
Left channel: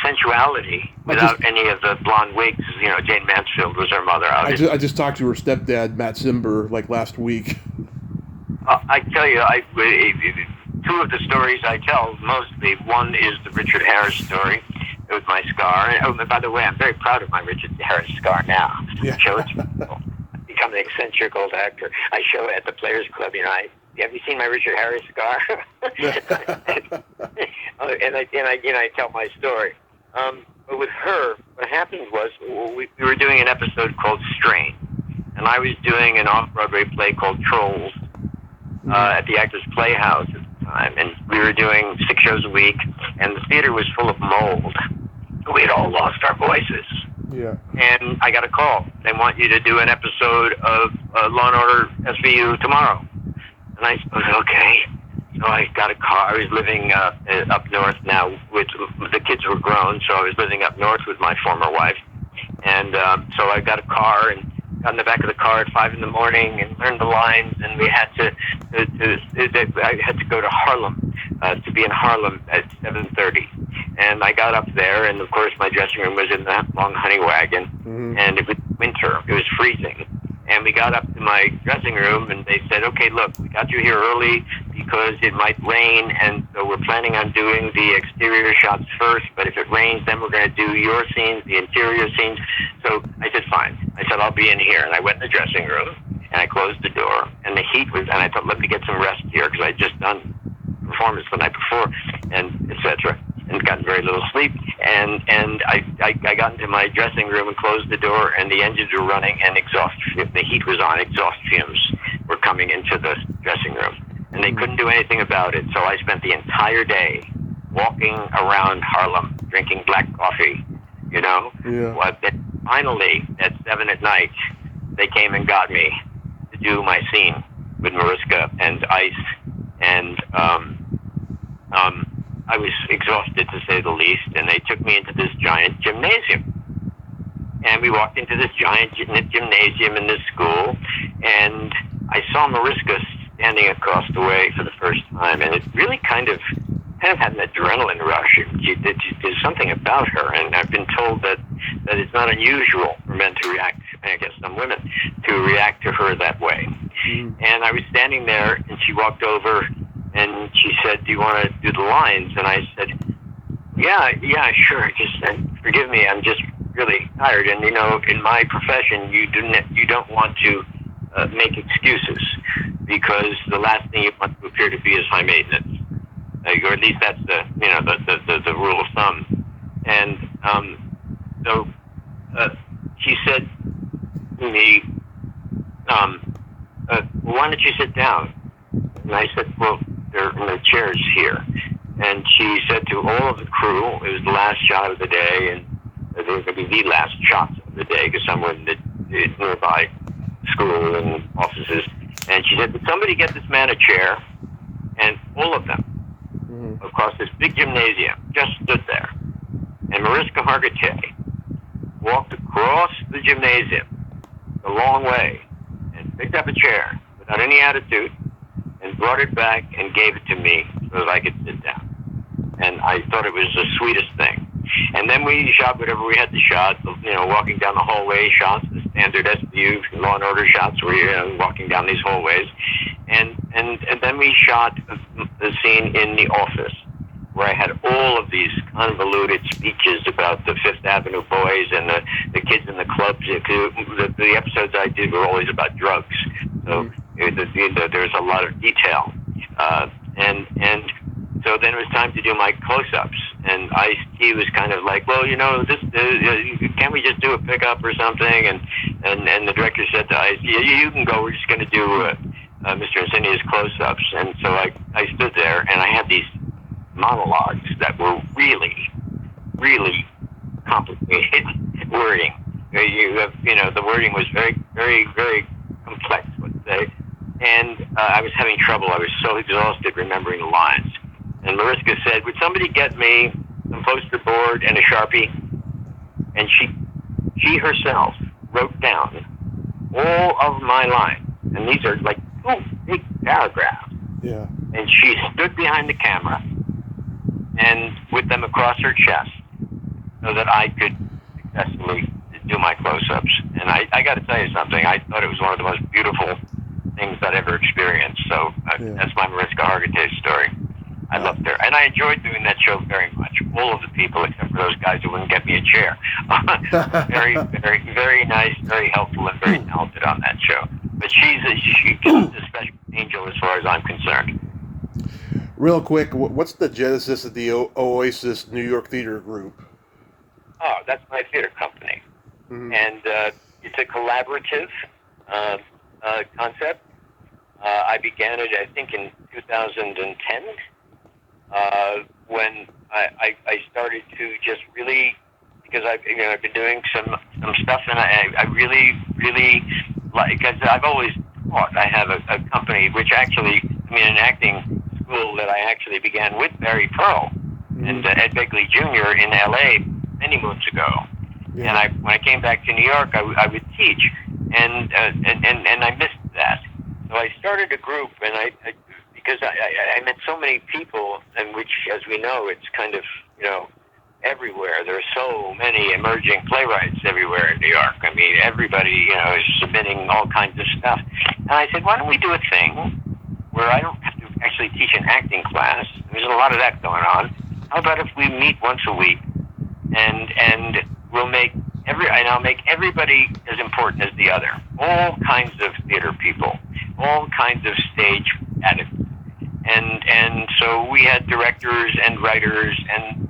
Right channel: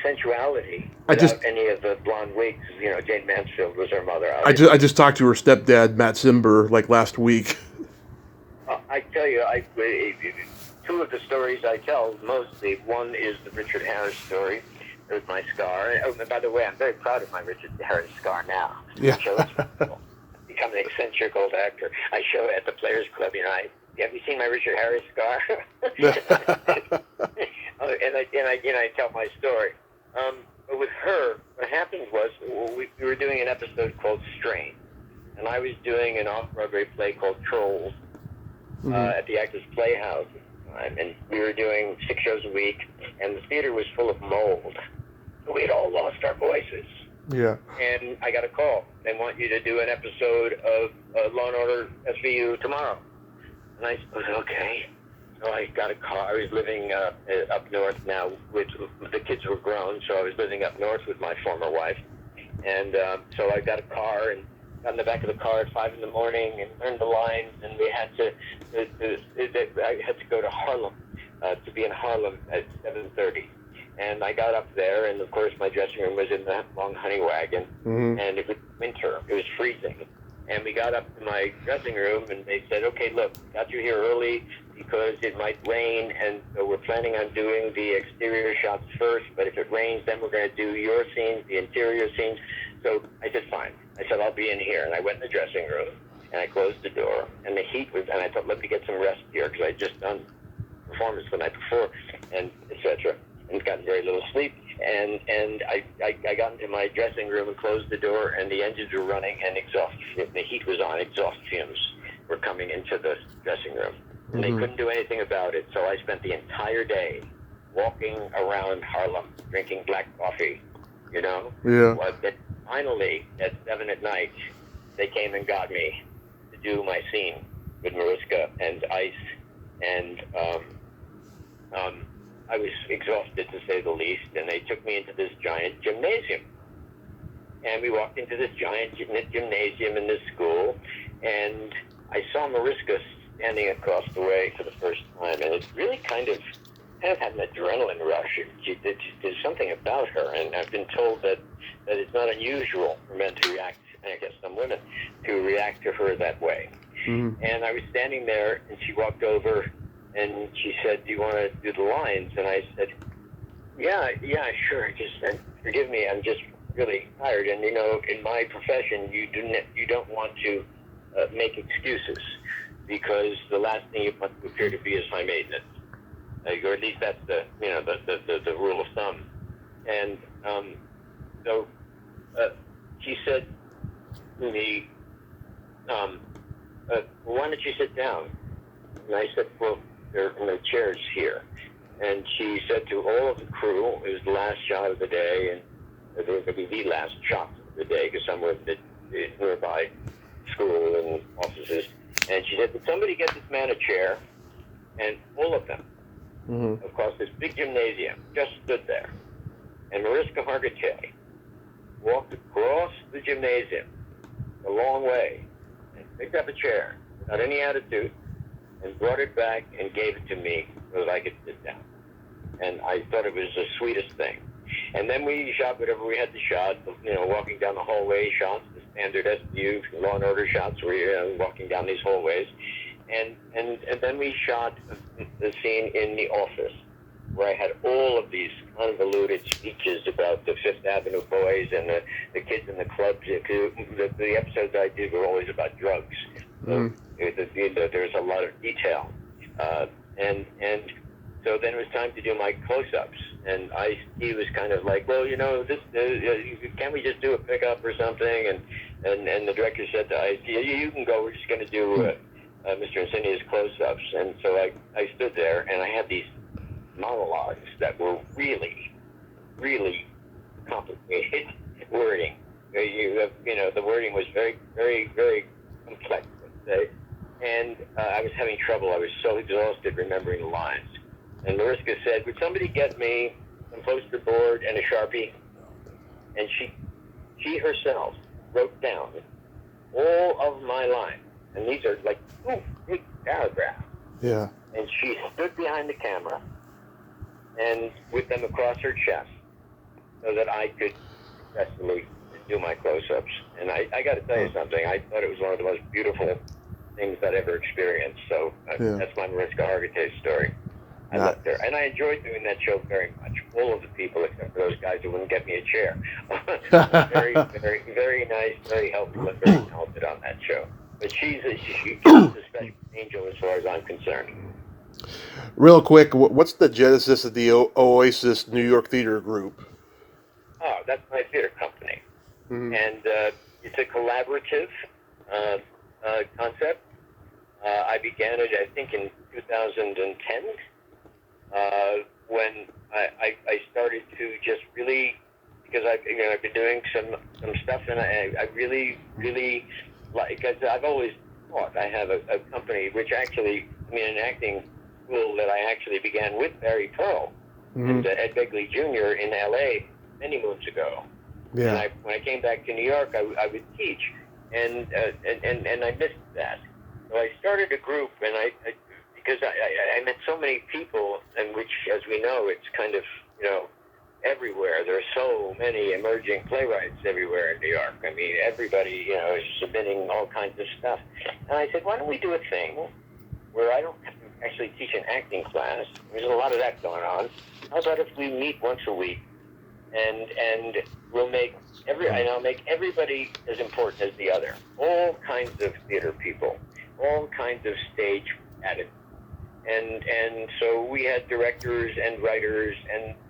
sensuality without any of the blonde wigs. Jane Mansfield was her mother. I just talked to her stepdad, Matt Simber, like last week. I tell you, two of the stories I tell mostly. One is the Richard Harris story with my scar. And by the way, I'm very proud of my Richard Harris scar now. Yeah. I show it to people. I've become an eccentric old actor. I show it at the Players Club. Have you seen my Richard Harris scar? and I tell my story. But with her, what happened was we were doing an episode called Strain, and I was doing an off-Broadway play called Trolls at the Actors Playhouse at the time, and we were doing 6 shows a week, and the theater was full of mold. We had all lost our voices. Yeah. And I got a call. They want you to do an episode of Law & Order SVU tomorrow. And I said, okay. So I got a car. I was living up north now. The kids were grown, so I was living up north with my former wife. And so I got a car and got in the back of the car at 5 in the morning and learned the lines. And we had I had to go to Harlem, to be in Harlem at 7:30. And I got up there, and of course my dressing room was in that long honey wagon. Mm-hmm. And it was winter. It was freezing. And we got up to my dressing room, and they said, okay, look, we got you here early because it might rain, and so we're planning on doing the exterior shots first, but if it rains, then we're going to do your scenes, the interior scenes. So I said, fine. I said, I'll be in here. And I went in the dressing room, and I closed the door, and the heat was, and I thought, let me get some rest here, because I had just done performance the night before, and et cetera, and gotten very little sleep. And I got into my dressing room and closed the door, and the engines were running, and the heat was on. Exhaust fumes were coming into the dressing room, and they couldn't do anything about it. So I spent the entire day walking around Harlem, drinking black coffee, Yeah. Well, then finally, at 7 at night, they came and got me to do my scene with Mariska and Ice and I was exhausted to say the least, and they took me into this giant gymnasium. And we walked into this giant gymnasium in this school, and I saw Mariska standing across the way for the first time, and it really kind of had an adrenaline rush. There's something about her, and I've been told that it's not unusual for men to react, I guess some women, to react to her that way. Mm-hmm. And I was standing there, and she walked over, and she said, "Do you want to do the lines?" And I said, yeah, sure. Just forgive me, I'm just really tired. And you know, in my profession, you don't want to make excuses, because the last thing you want to appear to be is high maintenance, or at least that's the rule of thumb. And so she said to me, "Why don't you sit down?" And I said, "Well, there are no chairs here." And she said to all of the crew, it was the last shot of the day, and they were going to be the last shots of the day, because someone did nearby school and offices. And she said, "Would somebody get this man a chair?" And all of them, mm-hmm. across this big gymnasium, just stood there. And Mariska Hargitay walked across the gymnasium a long way and picked up a chair without any attitude and brought it back and gave it to me so that I could sit down. And I thought it was the sweetest thing. And then we shot whatever we had to shot, walking down the hallway shots, the standard SVU Law and Order shots where you're walking down these hallways. And then we shot the scene in the office, where I had all of these convoluted speeches about the Fifth Avenue boys and the kids in the clubs. The episodes I did were always about drugs. So there's a lot of detail. And so then it was time to do my close-ups, and Ice-T was kind of like, "Well, can't we just do a pickup or something?" And the director said to Ice, "Yeah, you can go. We're just going to do Mr. Insinnia's close-ups." And so I stood there, and I had these monologues that were really, really complicated wording. The wording was very, very, very complex, let's say. And I was having trouble. I was so exhausted remembering the lines. And Mariska said, "Would somebody get me some poster board and a Sharpie?" And she herself wrote down all of my lines. And these are like 2 big paragraphs. Yeah. And she stood behind the camera and with them across her chest so that I could successfully do my close-ups. And I got to tell you something. I thought it was one of the most beautiful things I'd ever experienced. So that's my Mariska Hargitay story. I loved her. And I enjoyed doing that show very much. All of the people, except for those guys who wouldn't get me a chair. Very, very, very nice, very helpful, and very talented on that show. But she's a special angel as far as I'm concerned. Real quick, what's the genesis of the Oasis New York Theater Group? Oh, that's my theater company. Mm-hmm. And it's a collaborative concept. I began it, I think, in 2010, when I started to just really, because I've been doing some stuff, and I really, really like, I've always taught. I have a company, which actually, an acting school that I actually began with Barry Pearl and Ed Begley Jr. in L.A. many moons ago. Yeah. And when I came back to New York, I would teach, and I missed that. So I started a group, and because I met so many people, and which, as we know, it's kind of, everywhere. There are so many emerging playwrights everywhere in New York. Everybody, is submitting all kinds of stuff. And I said, why don't we do a thing where I don't have to actually teach an acting class? There's a lot of that going on. How about if we meet once a week, and we'll make I'll make everybody as important as the other. All kinds of theater people, all kinds of stage attitudes. And so we had directors and writers and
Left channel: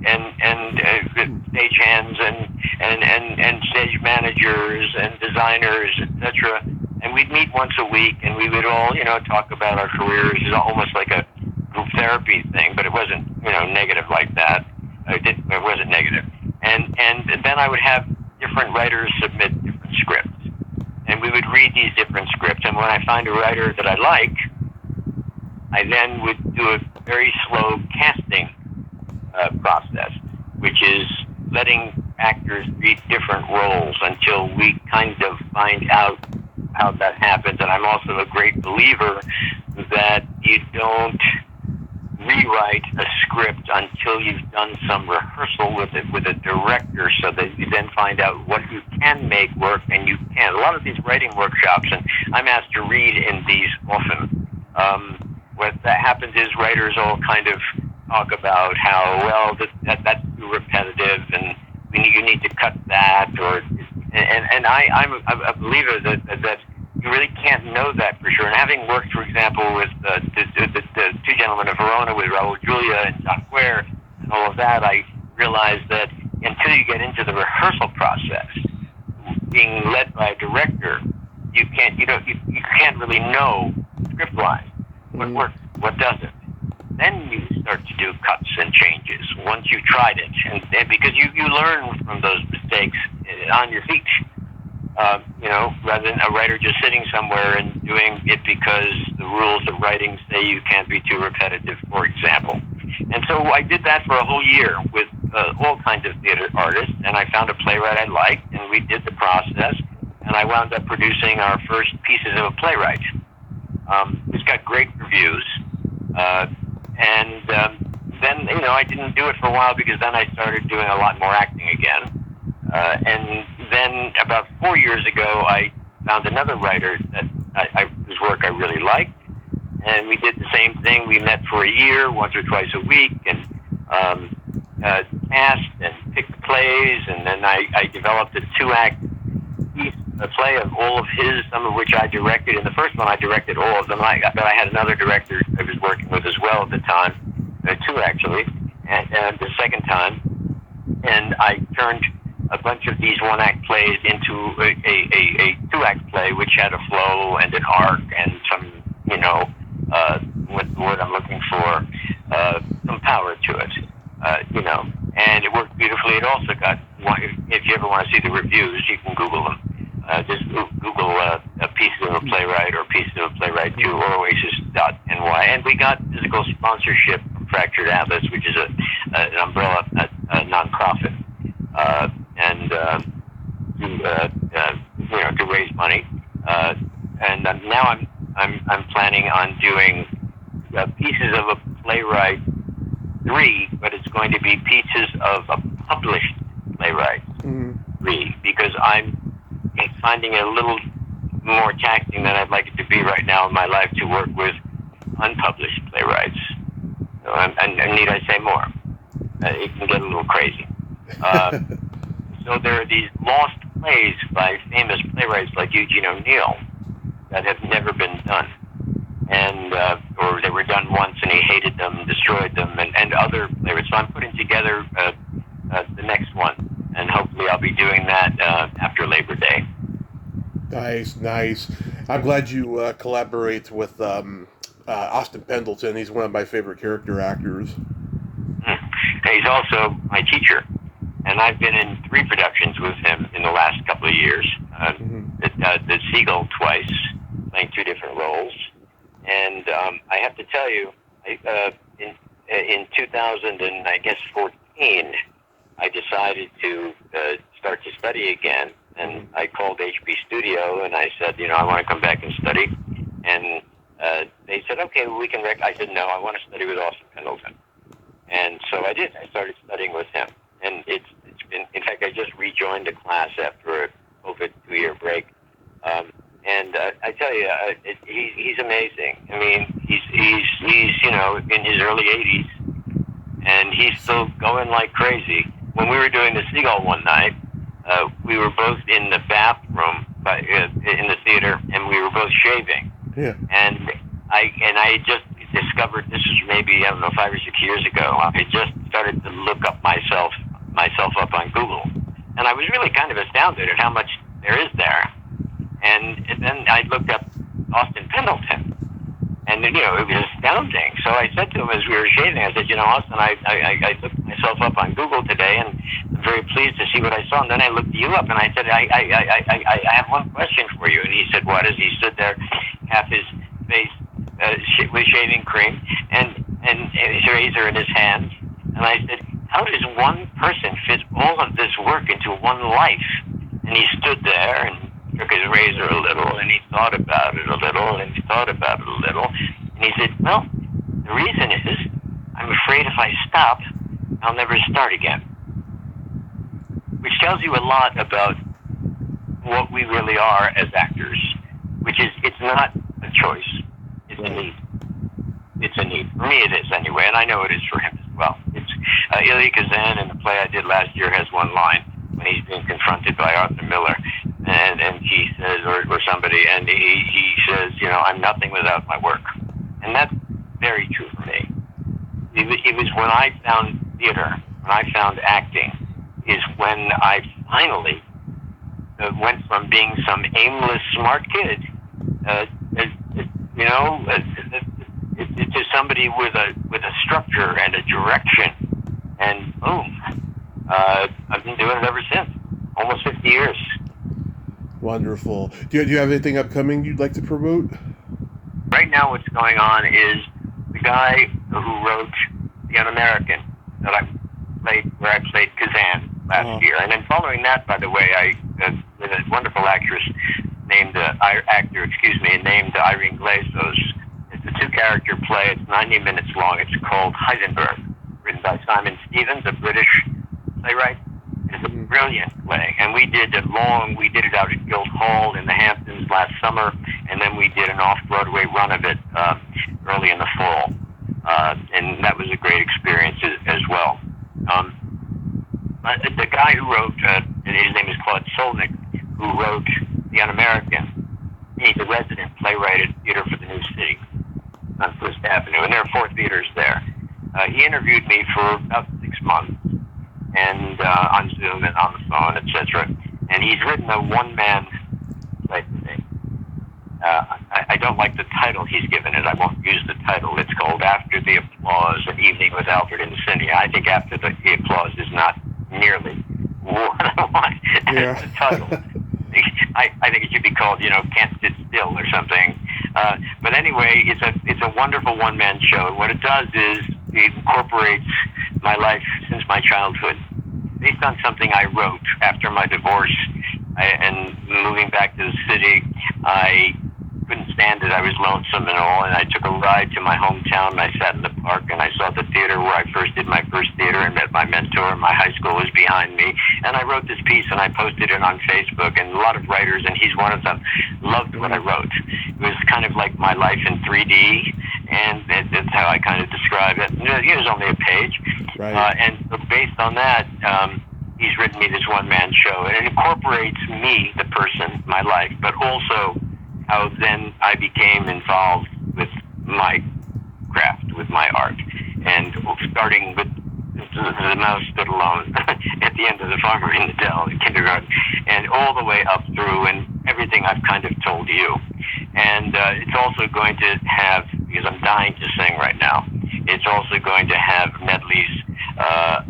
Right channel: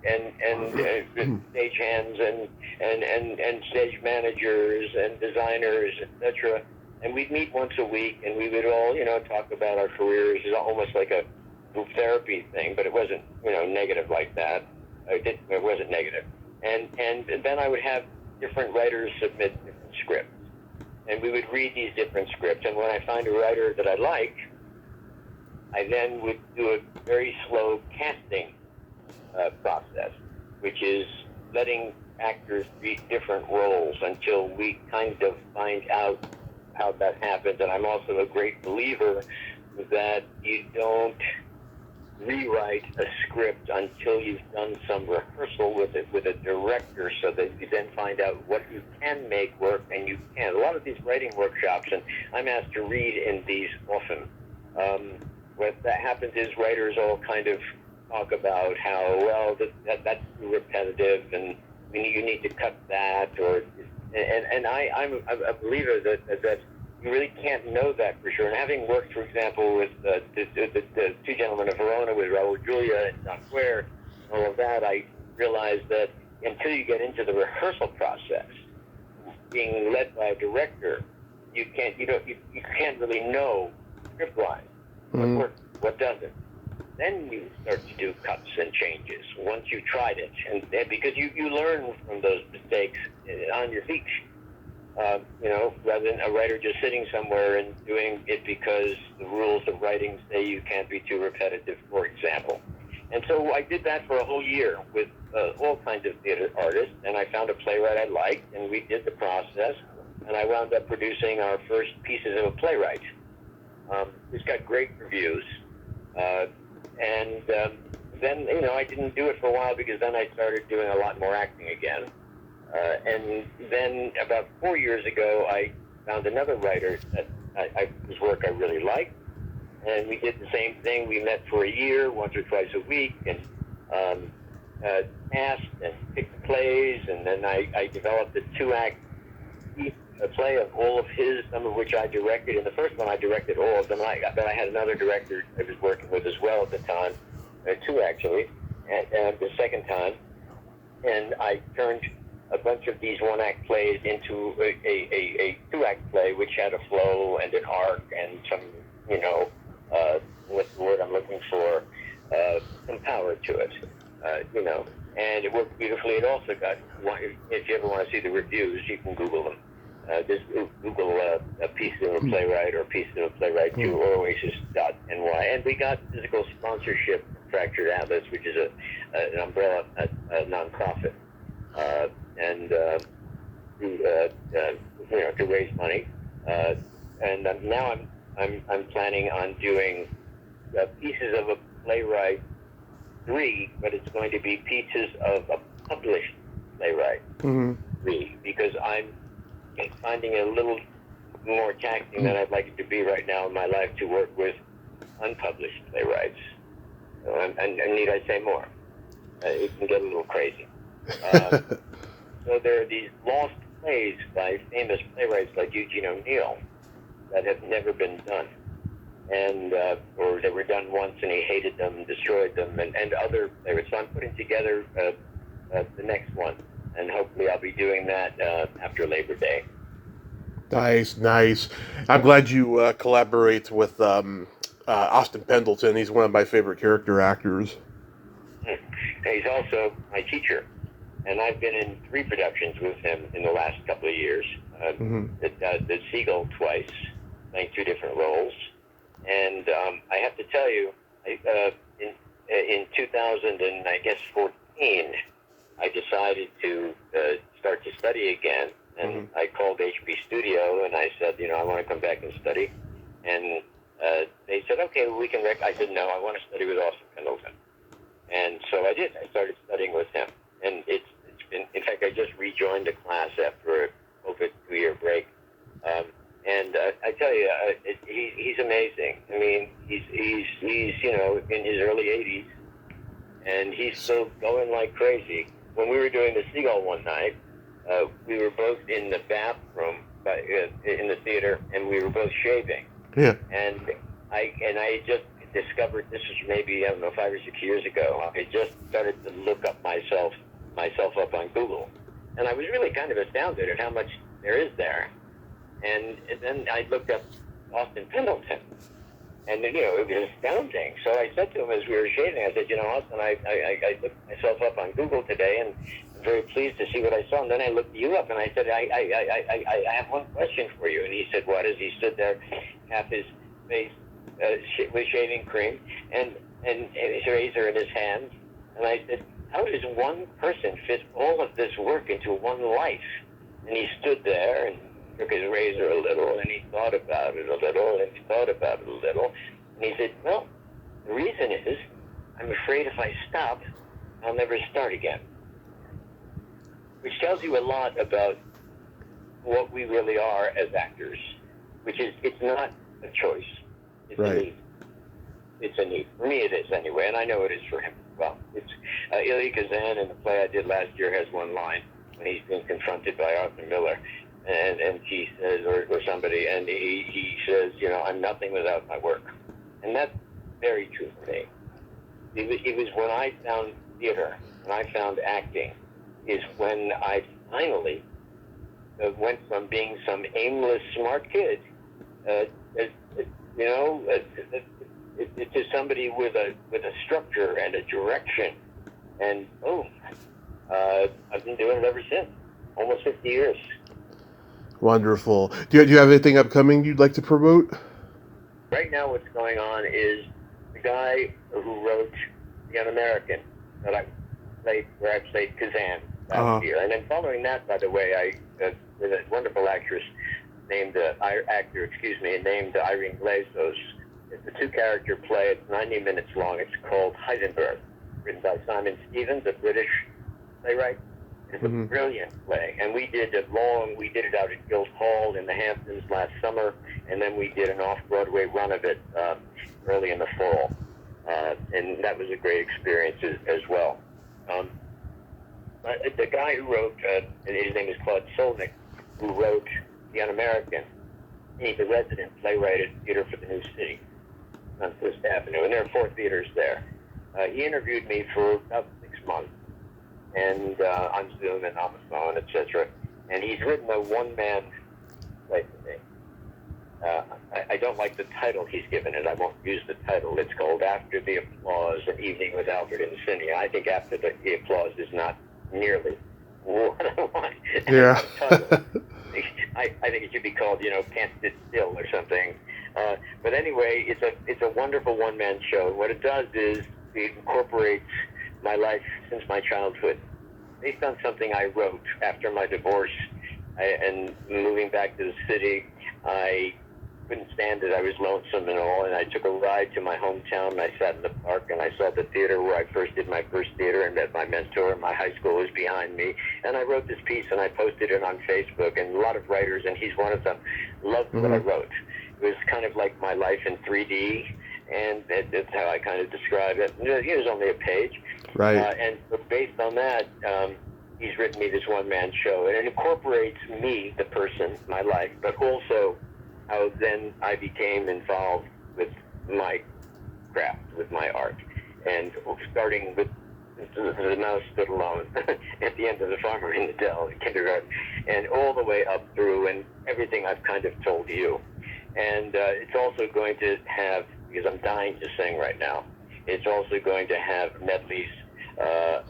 stage hands and stage managers and designers, etc. And we'd meet once a week, and we would all, talk about our careers. It was almost like a group therapy thing, but it wasn't, negative like that. It wasn't negative. And then I would have different writers submit different scripts, and we would read these different scripts. And when I find a writer that I like, I then would do a very slow casting process, which is letting actors read different roles until we kind of find out how that happens. And I'm also a great believer that you don't rewrite a script until you've done some rehearsal with it with a director, so that you then find out what you can make work and you can't. A lot of these writing workshops, and I'm asked to read in these often, what that happens is writers all kind of talk about how, well, that's too repetitive and you need to cut that, and I'm a believer that you really can't know that for sure. And having worked, for example, with the Two Gentlemen of Verona with Raul Julia and John Quare and all of that, I realized that until you get into the rehearsal process, being led by a director, you can't really know script lines, what works, what doesn't. Then you start to do cuts and changes once you've tried it, and because you learn from those mistakes on your feet. Rather than a writer just sitting somewhere and doing it because the rules of writing say you can't be too repetitive, for example. And so I did that for a whole year with all kinds of theater artists, and I found a playwright I liked, and we did the process, and I wound up producing our first pieces of a playwright. It's got great reviews, and then, I didn't do it for a while because then I started doing a lot more acting again. And then about 4 years ago, I found another writer that whose work I really liked, and we did the same thing. We met for a year, once or twice a week, and cast and picked plays, and then I developed a 2-act piece, a play of all of his, some of which I directed. In the first one, I directed all of them, but I had another director I was working with as well at the time, 2 actually, and the second time, and I turned a bunch of these 1-act plays into a 2-act play, which had a flow and an arc and some, what's the word I'm looking for, some power to it, and it worked beautifully. It also got, if you ever want to see the reviews, you can Google them. Just Google a piece of a playwright or piece of a playwright to oasis.ny, and we got physical sponsorship from Fractured Atlas, which is an umbrella, a nonprofit. To raise money, and now I'm planning on doing pieces of a playwright 3, but it's going to be pieces of a published playwright 3, because I'm finding it a little more taxing than I'd like it to be right now in my life to work with unpublished playwrights. And need I say more? It can get a little crazy. So there are these lost plays by famous playwrights like Eugene O'Neill that have never been done, and or they were done once and he hated them, destroyed them, and other playwrights. So I'm putting together the next one, and hopefully I'll be doing that after Labor Day. Nice. I'm glad you collaborate with Austin Pendleton. He's one of my favorite character actors. He's also my teacher. And I've been in 3 productions with him in the last couple of years. The Seagull twice, playing 2 different roles. And I have to tell you, in 2014, I decided to start to study again. And I called HB Studio and I said, I want to come back and study. And they said, okay, well, we can I said, no, I want to study with Austin Pendleton. And so I did. I started studying with him. And it's been, in fact, I just rejoined the class after a COVID 2-year break. And I tell you, he's amazing. I mean, he's in his early 80s, and he's still going like crazy. When we were doing the Seagull one night, we were both in the bathroom in the theater, and we were both shaving. Yeah. And I just discovered, this was maybe, 5 or 6 years ago, I just started to look up myself up on Google, and I was really kind of astounded at how much there is there. And then I looked up Austin Pendleton, and it was astounding. So I said to him as we were shaving, I said, Austin, I looked myself up on Google today, and I'm very pleased to see what I saw. And then I looked you up, and I said, I have one question for you. And he said, what? As he stood there, half his face with shaving cream and his razor in his hands. And I said, how does one person fit all of this work into one life? And he stood there and took his razor a little, and he thought about it a little, and he thought about it a little. And he said, well, the reason is I'm afraid if I stop, I'll never start again. Which tells you a lot about what we really are as actors, which is it's not a choice. It's a need. It's a need. For me it is anyway, and I know it is for him as well. It's Ilya Kazan in the play I did last year has one line when he's being confronted by Arthur Miller, and he says, or somebody, and he says, you know, I'm nothing without my work. And that's very true for me. It was when I found theater, when I found acting, is when I finally went from being some aimless smart kid, to somebody with a structure and a direction, and boom, I've been doing it ever since, almost 50 years. Wonderful. Do you have anything upcoming you'd like to promote? Right now, what's going on is the guy who wrote The Un-American that I played, where I played Kazan last year, and then following that, by the way, with a wonderful actress named named Irene Glazos. It's a 2-character play. It's 90 minutes long. It's called Heisenberg, written by Simon Stevens, a British playwright. It's a brilliant play, and we did it out at Guildhall in the Hamptons last summer, and then we did an off-Broadway run of it early in the fall, and that was a great experience as well. The guy who wrote, and his name is Claude Solnick, who wrote The Un-American, he's a resident playwright at Theater for the New City on Fifth Avenue, and there are 4 theaters there. He interviewed me for about 6 months, and on Zoom and on the phone, etc. And he's written a one-man play for me. I don't like the title he's given it. I won't use the title. It's called After the Applause, An Evening with Albert Insinnia. I think After the Applause is not nearly what I want as a title. I think it should be called, Can't Sit Still or something. But anyway, it's a wonderful one-man show. What it does is it incorporates my life since my childhood, based on something I wrote after my divorce and moving back to the city. I couldn't stand it. I was lonesome and all, and I took a ride to my hometown, and I sat in the park, and I saw the theater where I first did my first theater and met my mentor. My high school was behind me, and I wrote this piece, and I posted it on Facebook, and a lot of writers, and he's one of them, loved what I wrote. It was kind of like my life in 3D, and that's how I kind of describe it. It was only a page. Right. And so based on that, he's written me this one-man show, and it incorporates me, the person, my life, but also how then I became involved with my craft, with my art. And starting with The Mouse Stood Alone at the end of The Farmer in the Dell, the kindergarten, and all the way up through, and everything I've kind of told you. And it's also going to have, because I'm dying to sing right now, it's also going to have medleys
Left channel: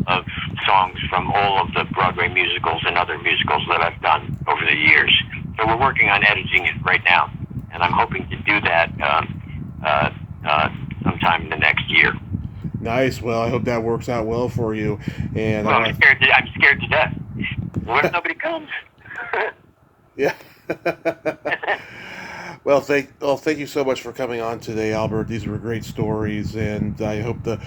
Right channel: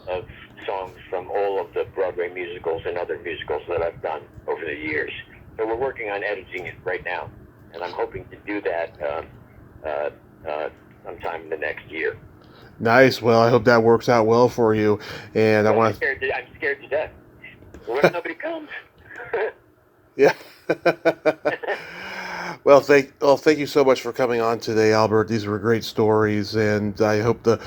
of songs from all of the Broadway musicals and other musicals that I've done over the years. So we're working on editing it right now, and I'm hoping to do that sometime in the next year. Nice. Well, I hope that works out well for you. And I'm scared to death. What if nobody comes? Yeah. Well, thank you so much for coming on today, Albert. These were great stories, and I hope the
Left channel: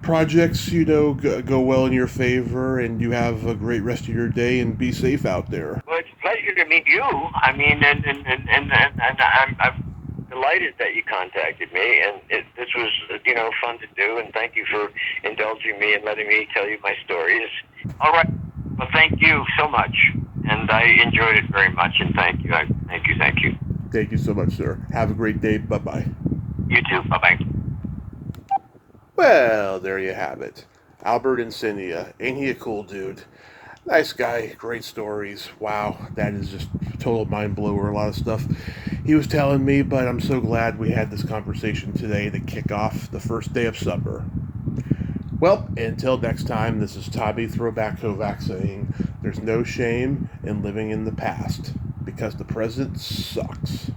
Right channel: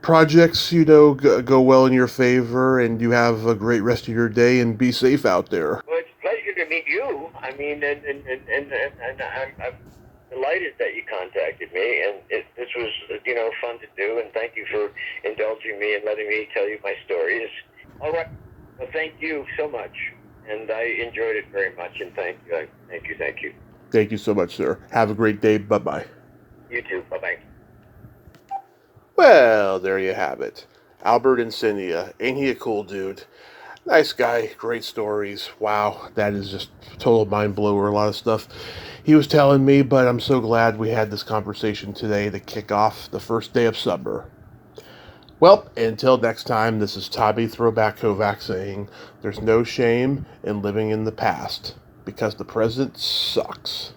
projects, go well in your favor, and you have a great rest of your day, and be safe out there. Well, it's a pleasure to meet you. I mean, and I'm delighted that you contacted me, and this was, fun to do, and thank you for indulging me and letting me tell you my stories. All right. Well, thank you so much, and I enjoyed it very much, and thank you. Thank you. Thank you so much, sir. Have a great day. Bye-bye. You too. Bye-bye. Well, there you have it. Albert Insinnia. Ain't he a cool dude? Nice guy. Great stories. Wow, that is just total mind blower. A lot of stuff he was telling me, but I'm so glad we had this conversation today to kick off the first day of summer. Well, until next time, this is Tommy Throwback Kovac saying, there's no shame in living in the past, because the present sucks.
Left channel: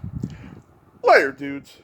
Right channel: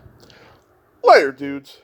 Later, dudes.